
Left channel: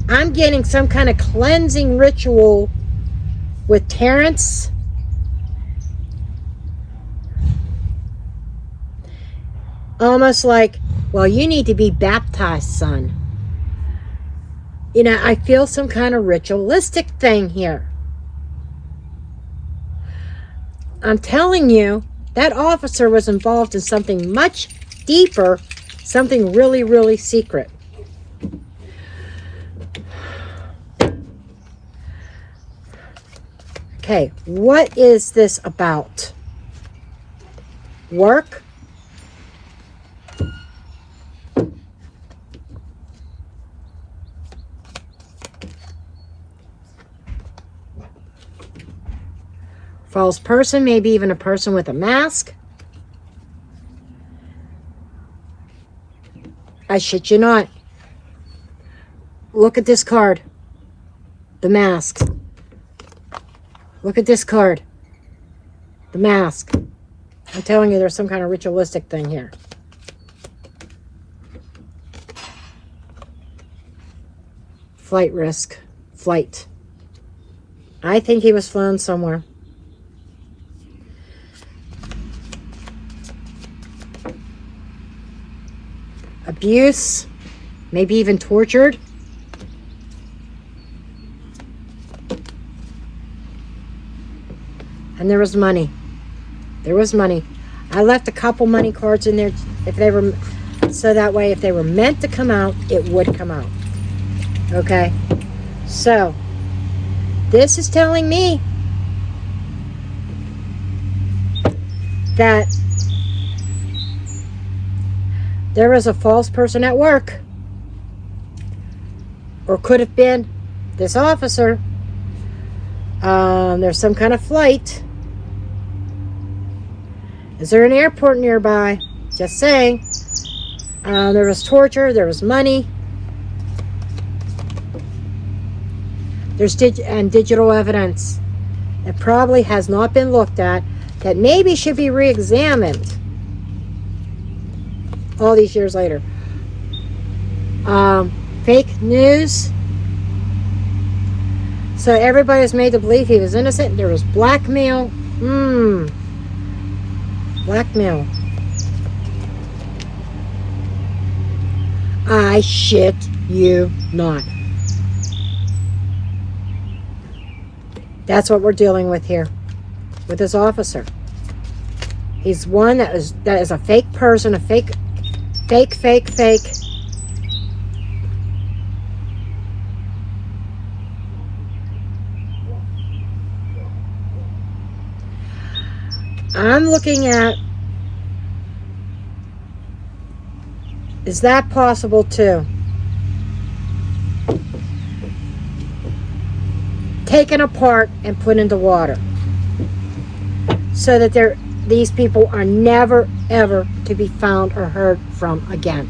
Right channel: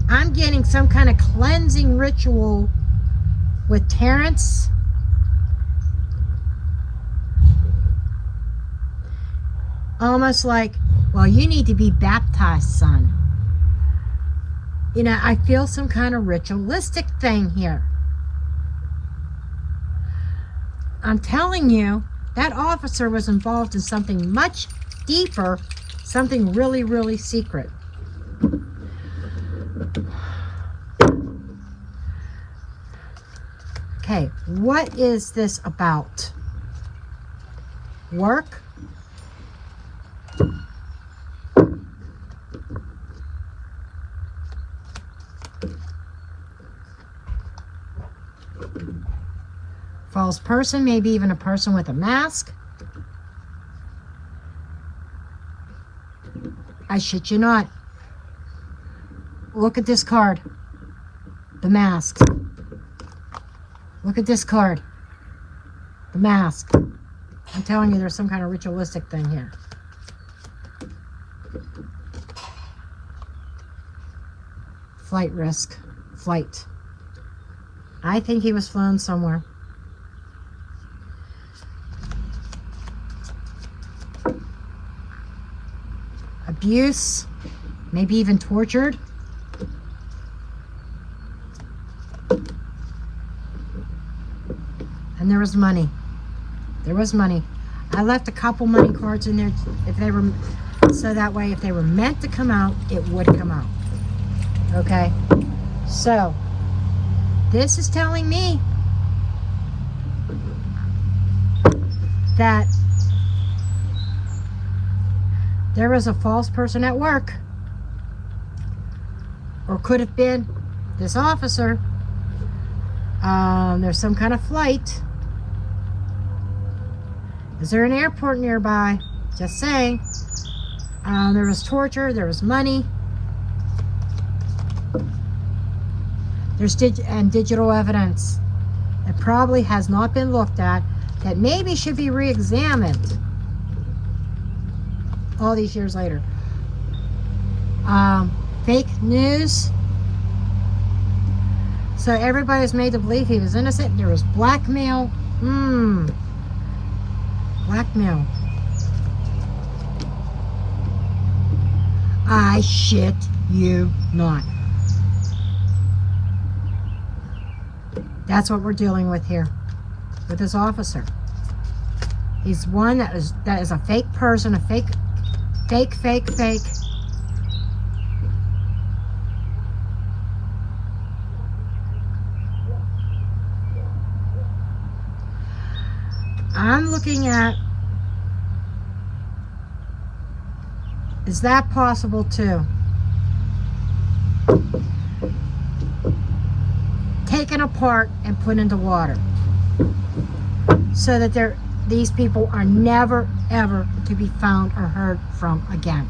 I'm getting some kind of cleansing ritual with Terrance. Almost like, well, you need to be baptized, son. You know, I feel some kind of ritualistic thing here. I'm telling you, that officer was involved in something much deeper, something really, really secret. Okay, what is this about? Work? False person, maybe even a person with a mask. I shit you not. Look at this card. The mask. Look at this card. The mask. I'm telling you, there's some kind of ritualistic thing here. Flight risk. Flight. I think he was flown somewhere. Abuse, maybe even tortured. And there was money. There was money. I left a couple money cards in there if they were, so that way if they were meant to come out, it would come out. Okay? So, this is telling me that there was a false person at work, or could have been this officer. There's some kind of flight. Is there an airport nearby? Just saying. There was torture. There was money. There's digital evidence that probably has not been looked at, that maybe should be re-examined all these years later. Fake news. So everybody's made to believe he was innocent. There was blackmail. Blackmail. I shit you not. That's what we're dealing with here with this officer. He's one that is a fake person, a fake. I'm looking at, is that possible too? Taken apart and put into water, so that these people are never ever to be found or heard from again.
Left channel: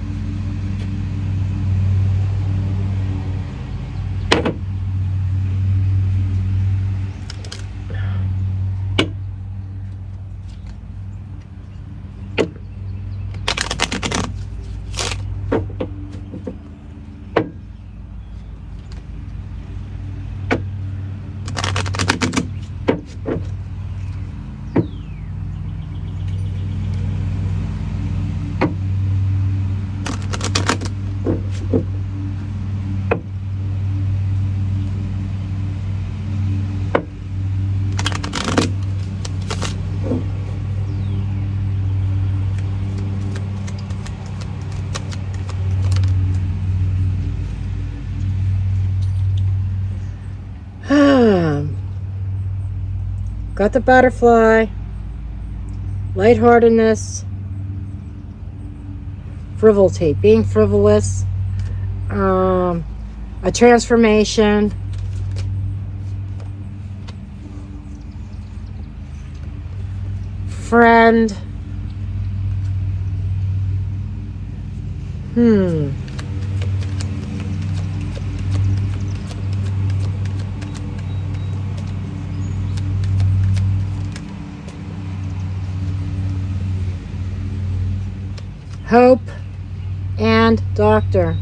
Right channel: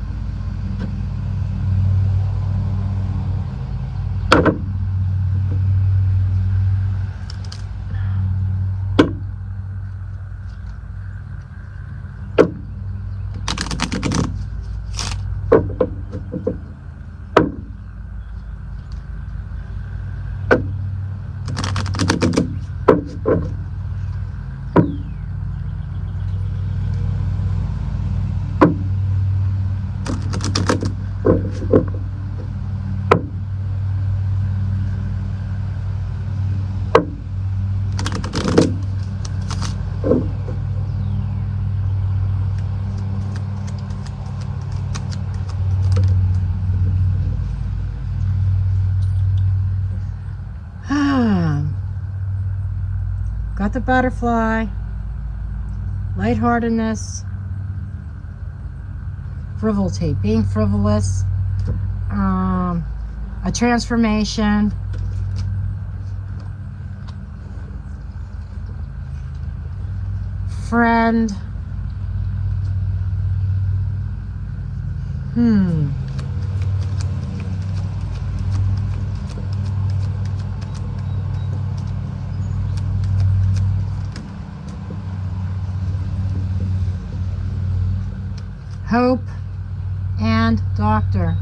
Got the butterfly, lightheartedness, frivolity, being frivolous, a transformation, friend, hope, and doctor.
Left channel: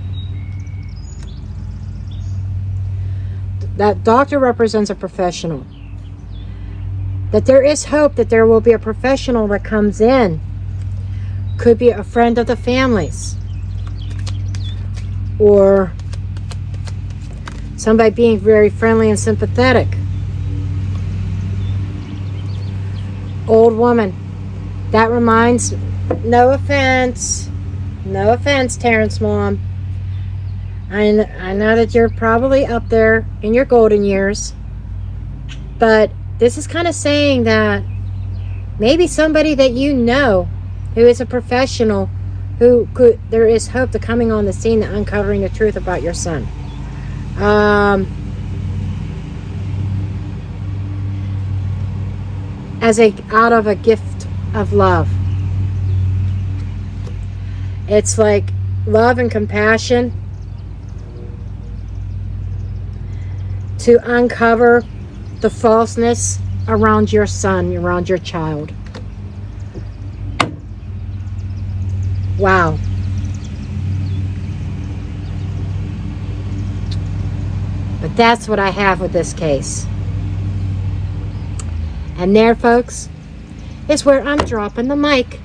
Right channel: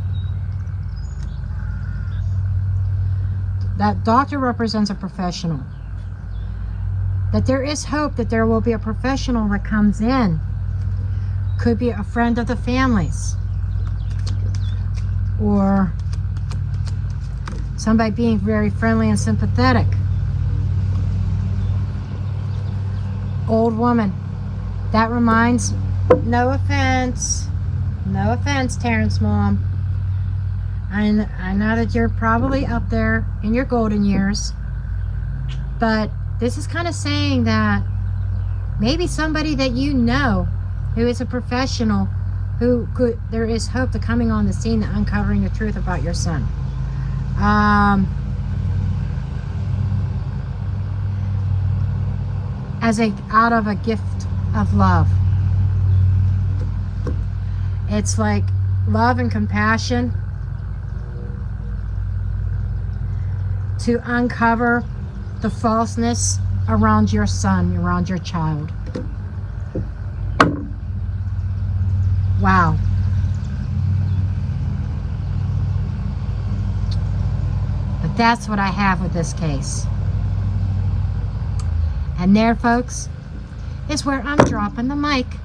That doctor represents a professional. That there is hope that there will be a professional that comes in. Could be a friend of the family's, or somebody being very friendly and sympathetic. Old woman. That reminds, no offense, Terrance mom. I know that you're probably up there in your golden years, but this is kind of saying that maybe somebody that you know who is a professional, there is hope to coming on the scene and uncovering the truth about your son. Out of a gift of love. It's like love and compassion to uncover the falseness around your son, around your child. Wow. But that's what I have with this case. And there, folks, is where I'm dropping the mic.